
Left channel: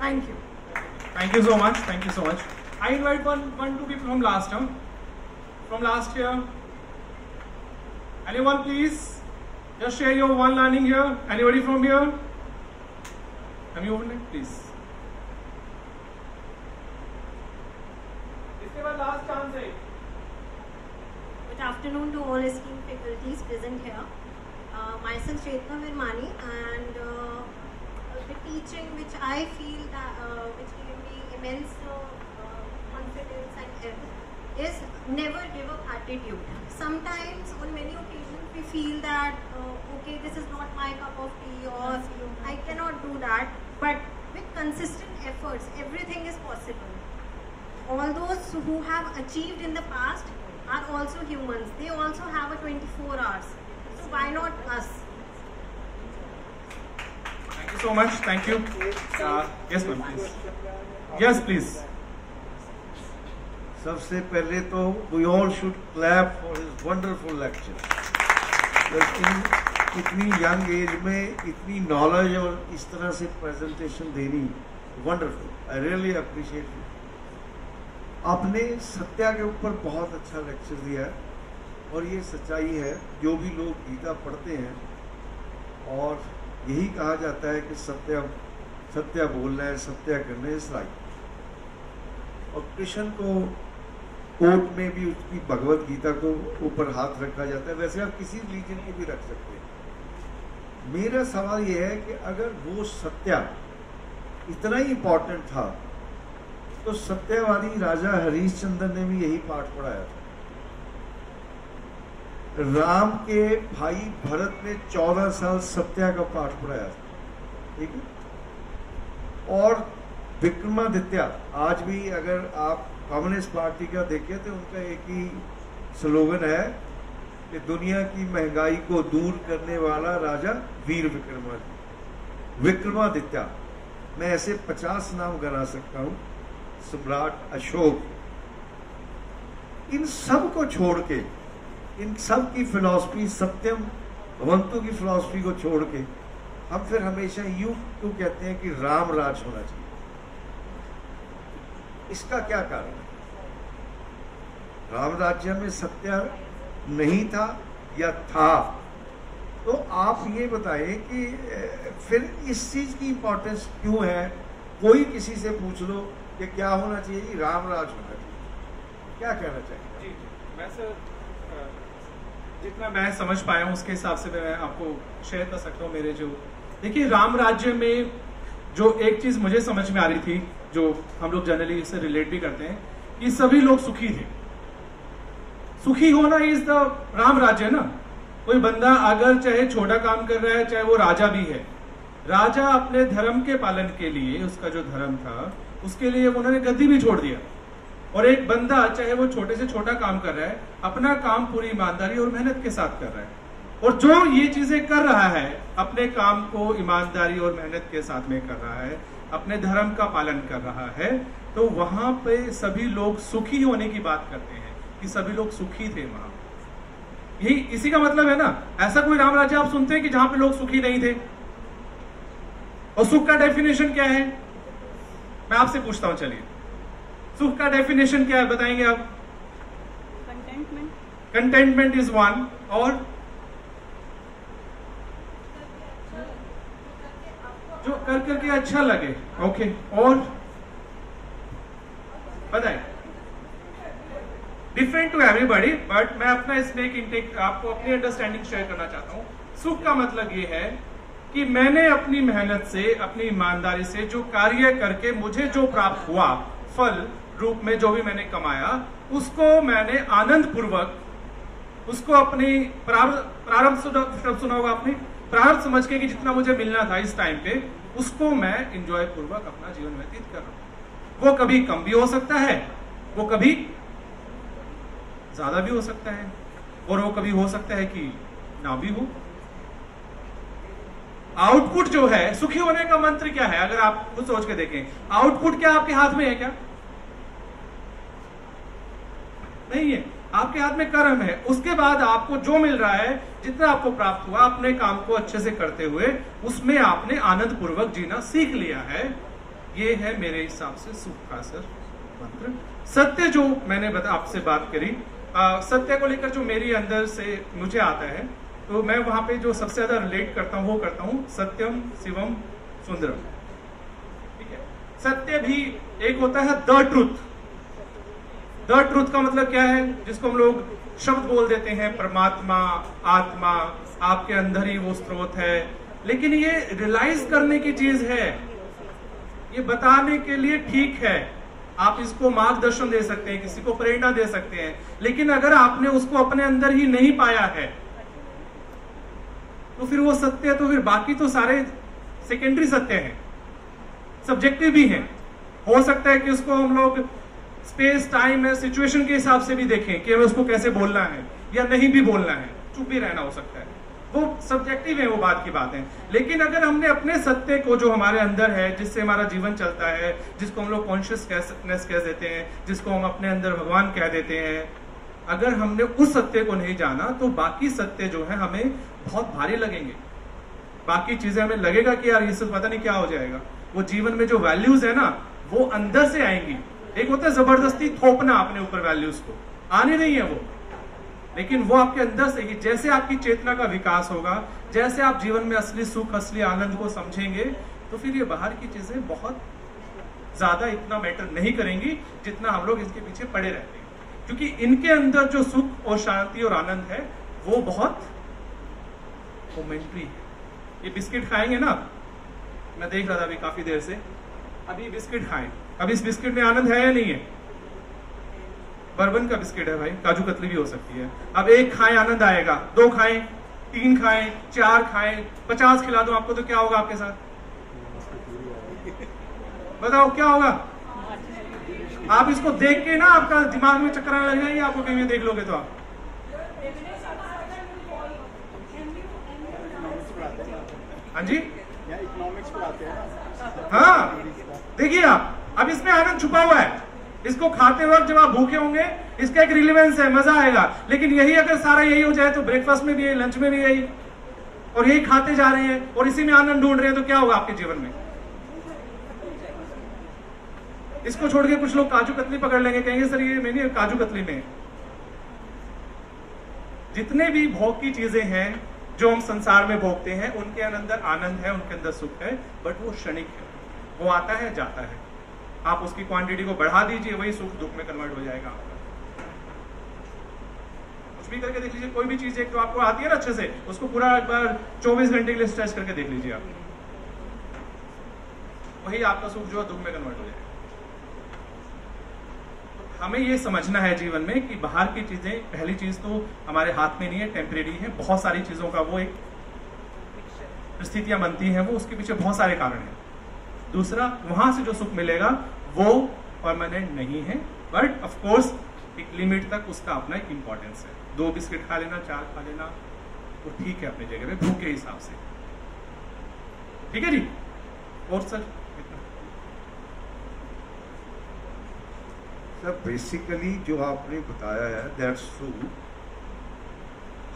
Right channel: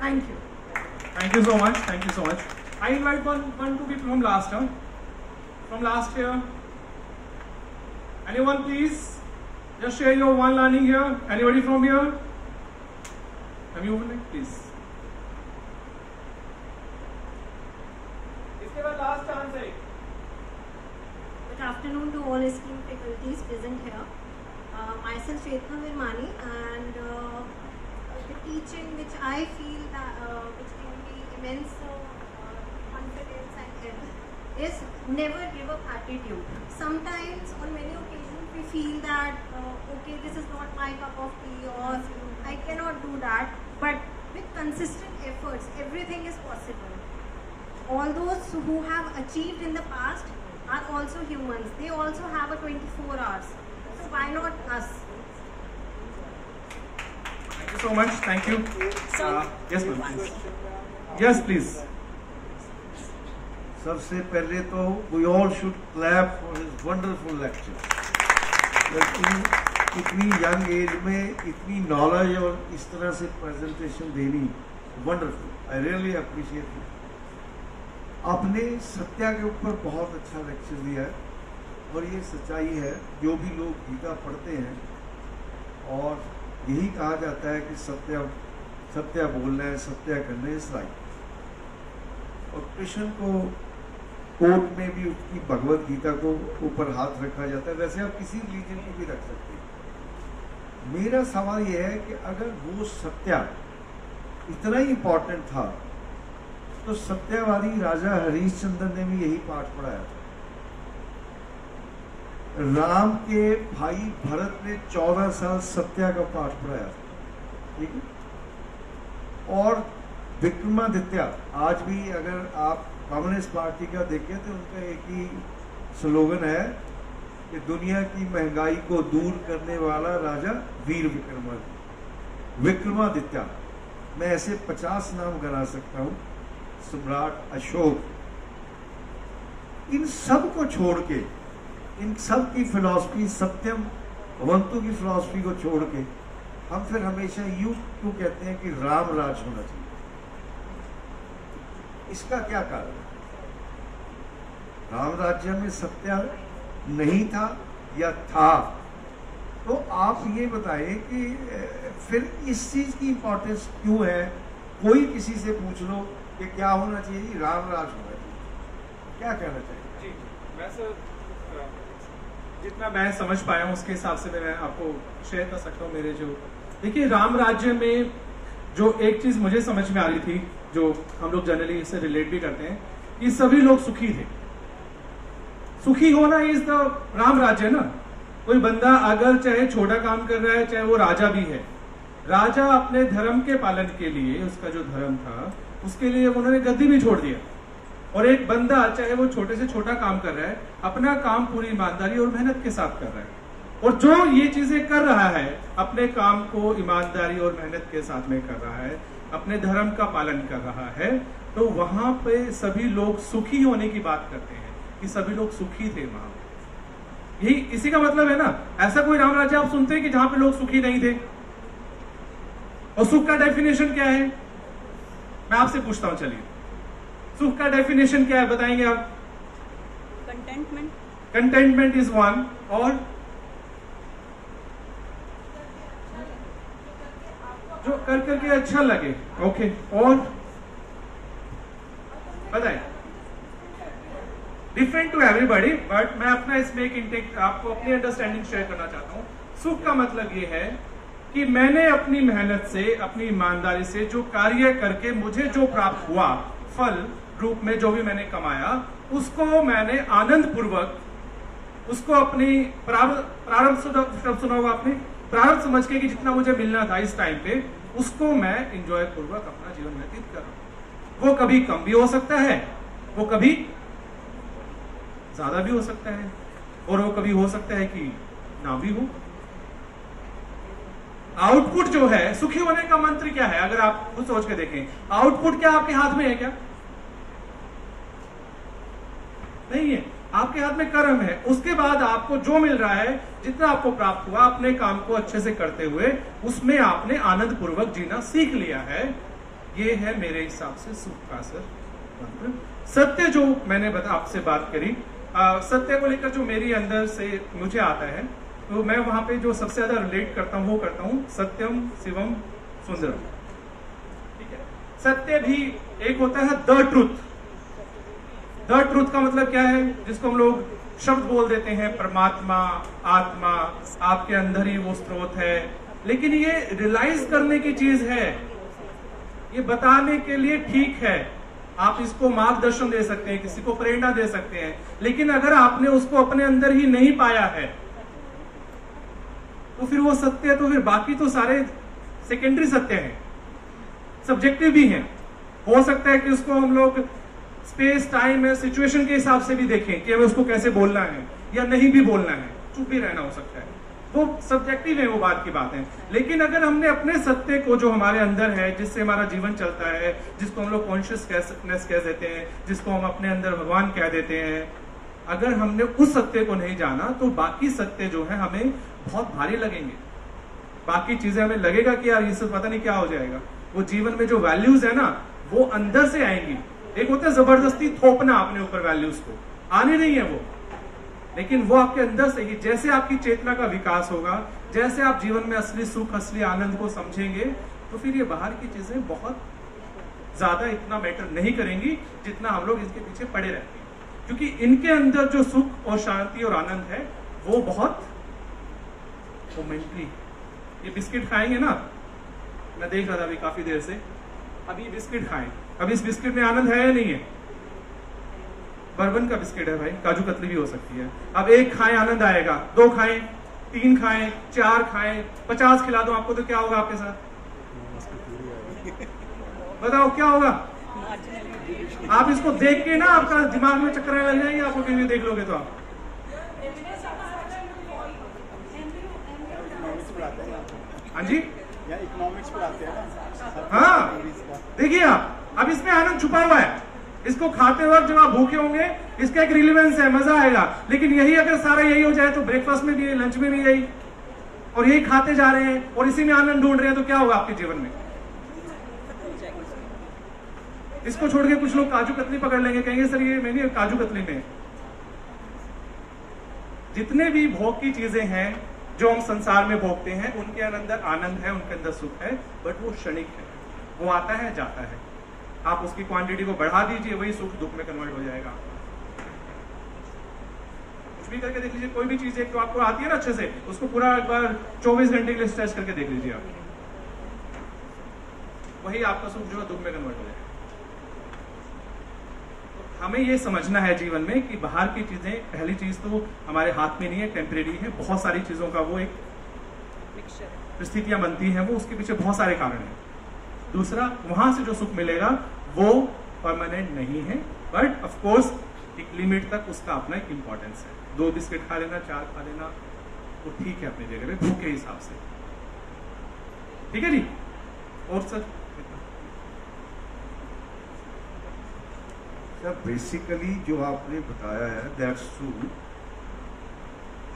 Thank you. Thank you so much. Thank you so much. I invite one to be from last year. From last year. Anyone please? Just share your one learning here. Anybody from here? Have you opened it? Please. इसके बाद last chance है. Good afternoon to all esteemed faculties present here. Myself Chetna Virmani, and the teaching which I feel that which gave me immense confidence and help is never give up attitude. Sometimes on many occasions we feel that okay, this is not my cup of tea, or I cannot do that, but with consistent efforts everything is possible. All those who have achieved in the past are also humans. They also have a 24 hours. So why not us? Thank you so much. Thank you. Yes, ma'am, please. Yes, please. सबसे पहले तो we all should clap for his wonderful lecture. इतनी young age में इतनी knowledge और इस तरह से presentation देनी, wonderful. I really appreciate it. आपने सत्या के ऊपर बहुत अच्छा लेक्चर दिया और ये सच्चाई है. जो भी लोग गीता पढ़ते हैं और यही कहा जाता है कि सत्या बोलना है, सत्या करना है, इस लाइक. और कृष्ण को कोर्ट में भी उसकी भगवत गीता को ऊपर हाथ रखा जाता है. वैसे आप किसी रिलीजन को भी रख सकते हैं. मेरा सवाल यह है कि अगर वो सत्या इतना ही इंपॉर्टेंट था तो सत्यवादी राजा हरिश्चंद्र ने भी यही पाठ पढ़ाया था. राम के भाई भरत ने 14 साल सत्या का पाठ पढ़ाया था. ठीक है. और विक्रमादित्य आज भी अगर आप कम्युनिस्ट पार्टी का देखें तो उनका एक ही स्लोगन है कि दुनिया की महंगाई को दूर करने वाला राजा वीर विक्रमादित्य. मैं ऐसे 50 नाम गिना सकता हूं. सम्राट अशोक, इन सब को छोड़ के, इन सब की फिलॉसफी, सत्यम भवंतु की फिलॉसफी को छोड़ के हम फिर हमेशा यूं क्यों कहते हैं कि राम राज होना चाहिए? इसका क्या कारण? राम राज्य में सत्य नहीं था या था? तो आप ये बताएं कि फिर इस चीज की इंपॉर्टेंस क्यों है? कोई किसी से पूछ लो कि क्या होना चाहिए, राम राज होना चाहिए, क्या कहना चाहिए? जी, मैं सर जितना मैं समझ पाया हूँ उसके हिसाब से मैं आपको शेयर कर सकता हूँ मेरे जो, देखिए राम राज्य में जो एक चीज मुझे समझ में आ रही थी, जो हम लोग जनरली इससे रिलेट भी करते हैं, कि सभी लोग सुखी थे। सुखी होना इज द राम राज्य ना। कोई बंदा अगर चाहे छोटा काम कर रहा है, चाहे वो राजा भी है, राजा अपने धर्म के पालन के लिए, उसका जो धर्म था उसके लिए उन्होंने गद्दी भी छोड़ दिया। और एक बंदा चाहे वो छोटे से छोटा काम कर रहा है, अपना काम पूरी ईमानदारी और मेहनत के साथ कर रहा है, और जो ये चीजें कर रहा है, अपने काम को ईमानदारी और मेहनत के साथ में कर रहा है, अपने धर्म का पालन कर रहा है, तो वहां पे सभी लोग सुखी होने की बात करते हैं कि सभी लोग सुखी थे वहां। यही इसी का मतलब है ना। ऐसा कोई राम राज्य आप सुनते हैं कि जहां पे लोग सुखी नहीं थे? और सुख का डेफिनेशन क्या है? मैं आपसे पूछता हूं, चलिए सुख का डेफिनेशन क्या है, बताएंगे आप? कंटेंटमेंट। Contentment is one. और जो कर करके अच्छा लगे। ओके, और बताएं। डिफरेंट टू एवरीबॉडी, बट मैं अपना इसमें एक इंटेक आपको अपनी अंडरस्टैंडिंग शेयर करना चाहता हूं। सुख का मतलब ये है कि मैंने अपनी मेहनत से, अपनी ईमानदारी से जो कार्य करके मुझे जो प्राप्त हुआ, फल रूप में जो भी मैंने कमाया, उसको मैंने आनंद पूर्वक, उसको अपनी प्रारंभ सुना होगा आपने, प्रारंभ समझ के कि जितना मुझे मिलना था इस टाइम पे, उसको मैं एंजॉय पूर्वक अपना जीवन व्यतीत कर। वो कभी कम भी हो सकता है, वो कभी ज्यादा भी हो सकता है, और वो कभी हो सकता है कि ना भी हो। आउटपुट जो है, सुखी होने का मंत्र क्या है? अगर आप खुद सोच के देखें, आउटपुट क्या आपके हाथ में है? क्या नहीं है। आपके हाथ में कर्म है। उसके बाद आपको जो मिल रहा है, जितना आपको प्राप्त हुआ, अपने काम को अच्छे से करते हुए उसमें आपने आनंद पूर्वक जीना सीख लिया है। ये है मेरे हिसाब से सुख का सर मंत्र। सत्य जो मैंने आपसे बात करी, सत्य को लेकर जो मेरी अंदर से मुझे आता है, तो मैं वहां पे जो सबसे ज्यादा रिलेट करता हूं, वो करता हूं सत्यम शिवम सुंदरम। ठीक है, सत्य भी एक होता है द ट्रूथ। द ट्रूथ का मतलब क्या है? जिसको हम लोग शब्द बोल देते हैं, परमात्मा, आत्मा, आपके अंदर ही वो स्रोत है। लेकिन ये रियलाइज करने की चीज है, ये बताने के लिए ठीक है, आप इसको मार्गदर्शन दे सकते हैं, किसी को प्रेरणा दे सकते हैं, लेकिन अगर आपने उसको अपने अंदर ही नहीं पाया है, तो फिर वो सत्य, तो फिर बाकी तो सारे सेकेंडरी सत्य हैं, सब्जेक्टिव भी हैं। हो सकता है कि उसको हम लोग स्पेस, टाइम या सिचुएशन के हिसाब से भी देखें कि हमें उसको कैसे बोलना है या नहीं भी बोलना है, चुप भी रहना हो सकता है, वो सब्जेक्टिव है, वो बात की बात है। लेकिन अगर हमने अपने सत्य को, जो हमारे अंदर है, जिससे हमारा जीवन चलता है, जिसको हम लोग कॉन्शियसनेस कह देते हैं, जिसको हम अपने अंदर भगवान कह देते हैं, अगर हमने उस सत्य को नहीं जाना, तो बाकी सत्य जो है हमें बहुत भारी लगेंगे। बाकी चीजें हमें लगेगा कि यार ये सब पता नहीं क्या हो जाएगा। वो जीवन में जो वैल्यूज है ना, वो अंदर से आएंगी। एक होता है जबरदस्ती थोपना अपने ऊपर वैल्यूज को, आनी नहीं है वो, लेकिन वो आपके अंदर से ही, जैसे आपकी चेतना का विकास होगा, जैसे आप जीवन में असली सुख, असली आनंद को समझेंगे, तो फिर ये बाहर की चीजें बहुत ज्यादा इतना मैटर नहीं करेंगी जितना हम लोग इसके पीछे पड़े रहते हैं। क्योंकि इनके अंदर जो सुख और शांति और आनंद है, वो बहुत मोमेंटरी है। ये बिस्किट खाएंगे ना, मैं देख रहा था अभी काफी देर से, अभी बिस्किट खाएं, अब इस बिस्किट में आनंद है या नहीं है? बर्बन का बिस्किट है भाई, काजू कतली भी हो सकती है। अब एक खाएं आनंद आएगा, 2 खाएं, 3 खाएं, 4 खाएं, 50 खिला दो आपको, तो क्या होगा आपके साथ? बताओ क्या होगा? आप इसको देख के ना आपका दिमाग में चक्कर आने लग जाएंगे, आपको कहीं देख लोगे तो आप। हाँ जी, इकोनॉमिक्स पढ़ाते हैं। हाँ देखिए आप, अब इसमें आनंद छुपा हुआ है, इसको खाते वक्त जब आप भूखे होंगे इसका एक रिलेवेंस है, मजा आएगा। लेकिन यही अगर सारा यही हो जाए तो ब्रेकफास्ट में भी यही, लंच में भी यही, और यही खाते जा रहे हैं और इसी में आनंद ढूंढ रहे हैं, तो क्या होगा आपके जीवन में? इसको छोड़ के कुछ लोग काजू कतली पकड़ लेंगे, कहेंगे सर ये मैंने काजू कतली में। जितने भी भोग की चीजें हैं जो हम संसार में भोगते हैं, उनके अंदर आनंद है, उनके अंदर सुख है, बट वो क्षणिक है, वो आता है जाता है। आप उसकी क्वांटिटी को बढ़ा दीजिए, वही सुख दुख में कन्वर्ट हो जाएगा। कुछ भी करके देख लीजिए, कोई भी चीज एक तो आपको आती है ना अच्छे से, उसको पूरा एक बार 24 घंटे के लिए स्ट्रेच करके देख लीजिए आप, वही आपका सुख जो है दुख में कन्वर्ट हो जाएगा। हमें ये समझना है जीवन में कि बाहर की चीजें, पहली चीज तो हमारे हाथ में नहीं है, टेम्परेरी है। बहुत सारी चीजों का वो एक स्थितियां बनती हैं, वो उसके पीछे बहुत सारे कारण हैं। दूसरा, वहां से जो सुख मिलेगा वो परमानेंट नहीं है, बट ऑफ कोर्स एक लिमिट तक उसका अपना एक इंपॉर्टेंस है। 2 बिस्किट खा लेना, 4 खा लेना, वो ठीक है अपनी जगह पे, भूख के हिसाब से, ठीक है जी। और सर बेसिकली जो आपने बताया है दैट्स ट्रू।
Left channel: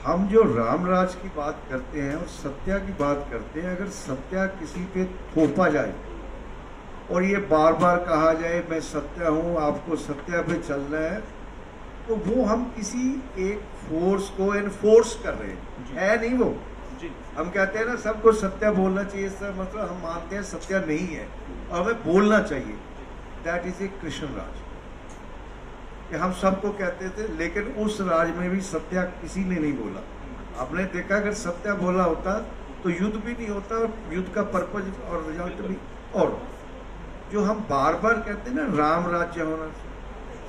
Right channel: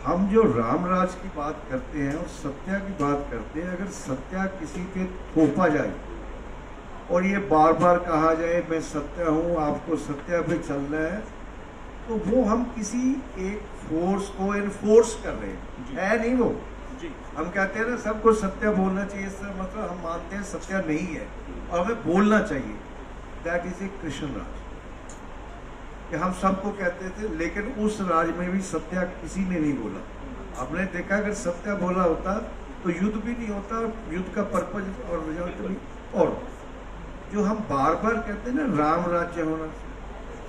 हम जो रामराज की बात करते हैं और सत्या की बात करते हैं, अगर सत्या किसी पे थोपा जाए और ये बार बार कहा जाए मैं सत्या हूं, आपको सत्या पे चलना है, तो वो हम किसी एक फोर्स को एनफोर्स कर रहे हैं, है नहीं वो जी। हम कहते हैं ना सबको सत्या बोलना चाहिए, सर मतलब हम मानते हैं सत्या नहीं है और हमें बोलना चाहिए। That is a Krishna Raj कि हम सबको कहते थे, लेकिन उस राज में भी सत्या किसी ने नहीं बोला। आपने देखा अगर सत्या बोला होता तो युद्ध भी नहीं होता, युद्ध का पर्पज और रिजल्ट भी। और जो हम बार बार कहते हैं ना राम राज्य होना,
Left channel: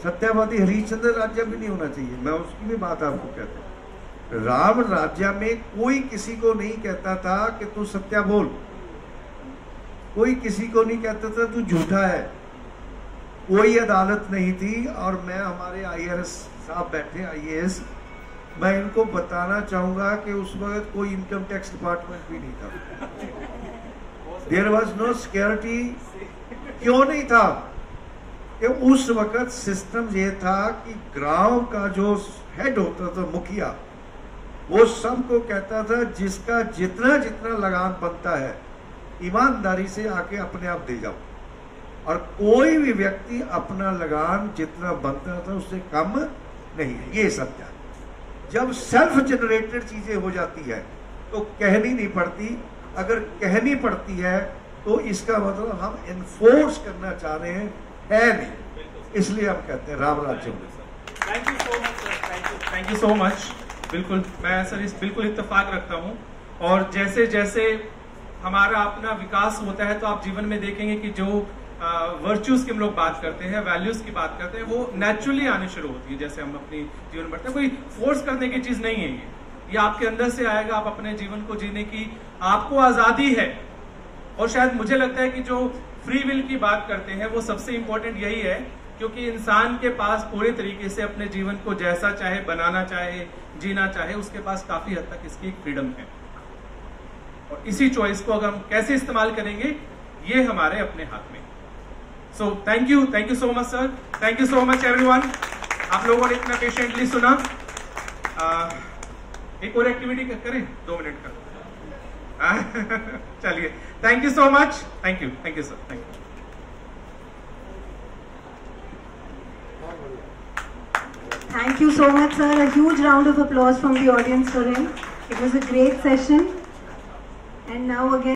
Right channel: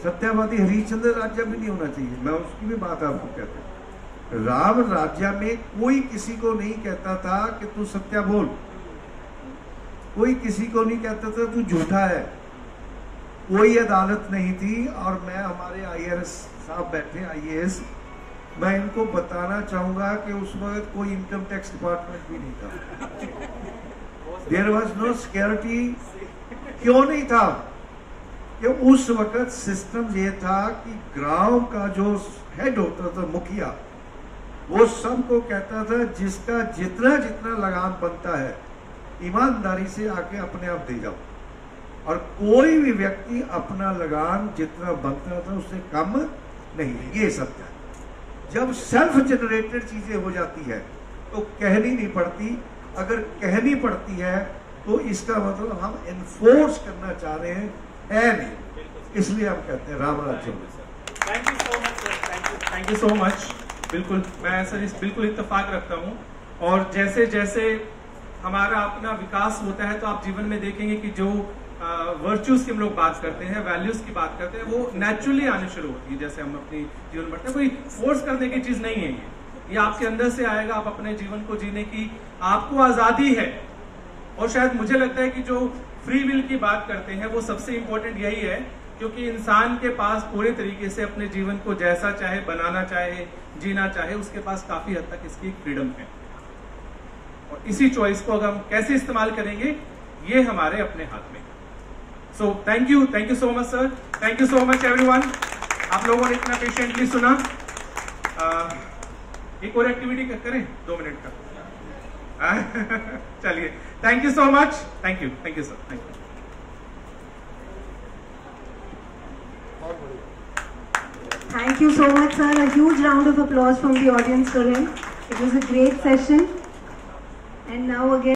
सत्यावादी हरिश्चंद्र राज्य भी नहीं होना चाहिए, मैं उसकी भी बात आपको कहता हूँ। राम राज्य में कोई किसी को नहीं कहता था कि तू सत्या बोल, कोई किसी को नहीं कहता था तू झूठा है, कोई अदालत नहीं थी। और मैं हमारे IAS साहब बैठे, IAS, मैं इनको बताना चाहूंगा कि उस वक्त कोई इनकम टैक्स डिपार्टमेंट भी नहीं था। There was no security. क्यों नहीं था? कि उस वक्त सिस्टम ये था कि गांव का जो हेड होता था, मुखिया, वो सबको कहता था जिसका जितना जितना लगान बनता है ईमानदारी से आके अपने आप दे जाओ, और कोई भी व्यक्ति अपना लगान जितना बनता था उससे कम नहीं। ये सब था। जब सेल्फ जनरेटेड चीजें हो जाती है तो कहनी नहीं पड़ती, अगर कहनी पड़ती है तो इसका मतलब हम एनफोर्स करना चाह रहे हैं, है नहीं, इसलिए हम कहते हैं राम राज्य। Thank you so much sir, thank you so much. बिल्कुल मैं सर इस बिल्कुल इत्तेफाक रखता हूँ। और जैसे जैसे हमारा अपना विकास होता है तो आप जीवन में देखेंगे कि जो वर्च्यूज की हम लोग बात करते हैं, वैल्यूज की बात करते हैं, वो नेचुरली आनी शुरू होती है जैसे हम अपनी जीवन बढ़ते हैं। कोई फोर्स करने की चीज नहीं है ये आपके अंदर से आएगा। आप अपने जीवन को जीने की आपको आजादी है। और शायद मुझे लगता है कि जो फ्री विल की बात करते हैं वो सबसे इंपॉर्टेंट यही है, क्योंकि इंसान के पास पूरे तरीके से अपने जीवन को जैसा चाहे बनाना चाहे, जीना चाहे, उसके पास काफी हद तक इसकी फ्रीडम है। और इसी चॉइस को अगर हम कैसे इस्तेमाल करेंगे ये हमारे अपने हाथ में। So thank you so much sir, thank you so much everyone. आप लोगों ने इतना पेशेंटली सुना। एक और एक्टिविटी करें 2 मिनट का। चलिए, thank you so much, thank you sir, thank you. Thank you so much, sir. A huge round of applause from the audience for him. It was a great session. And now again.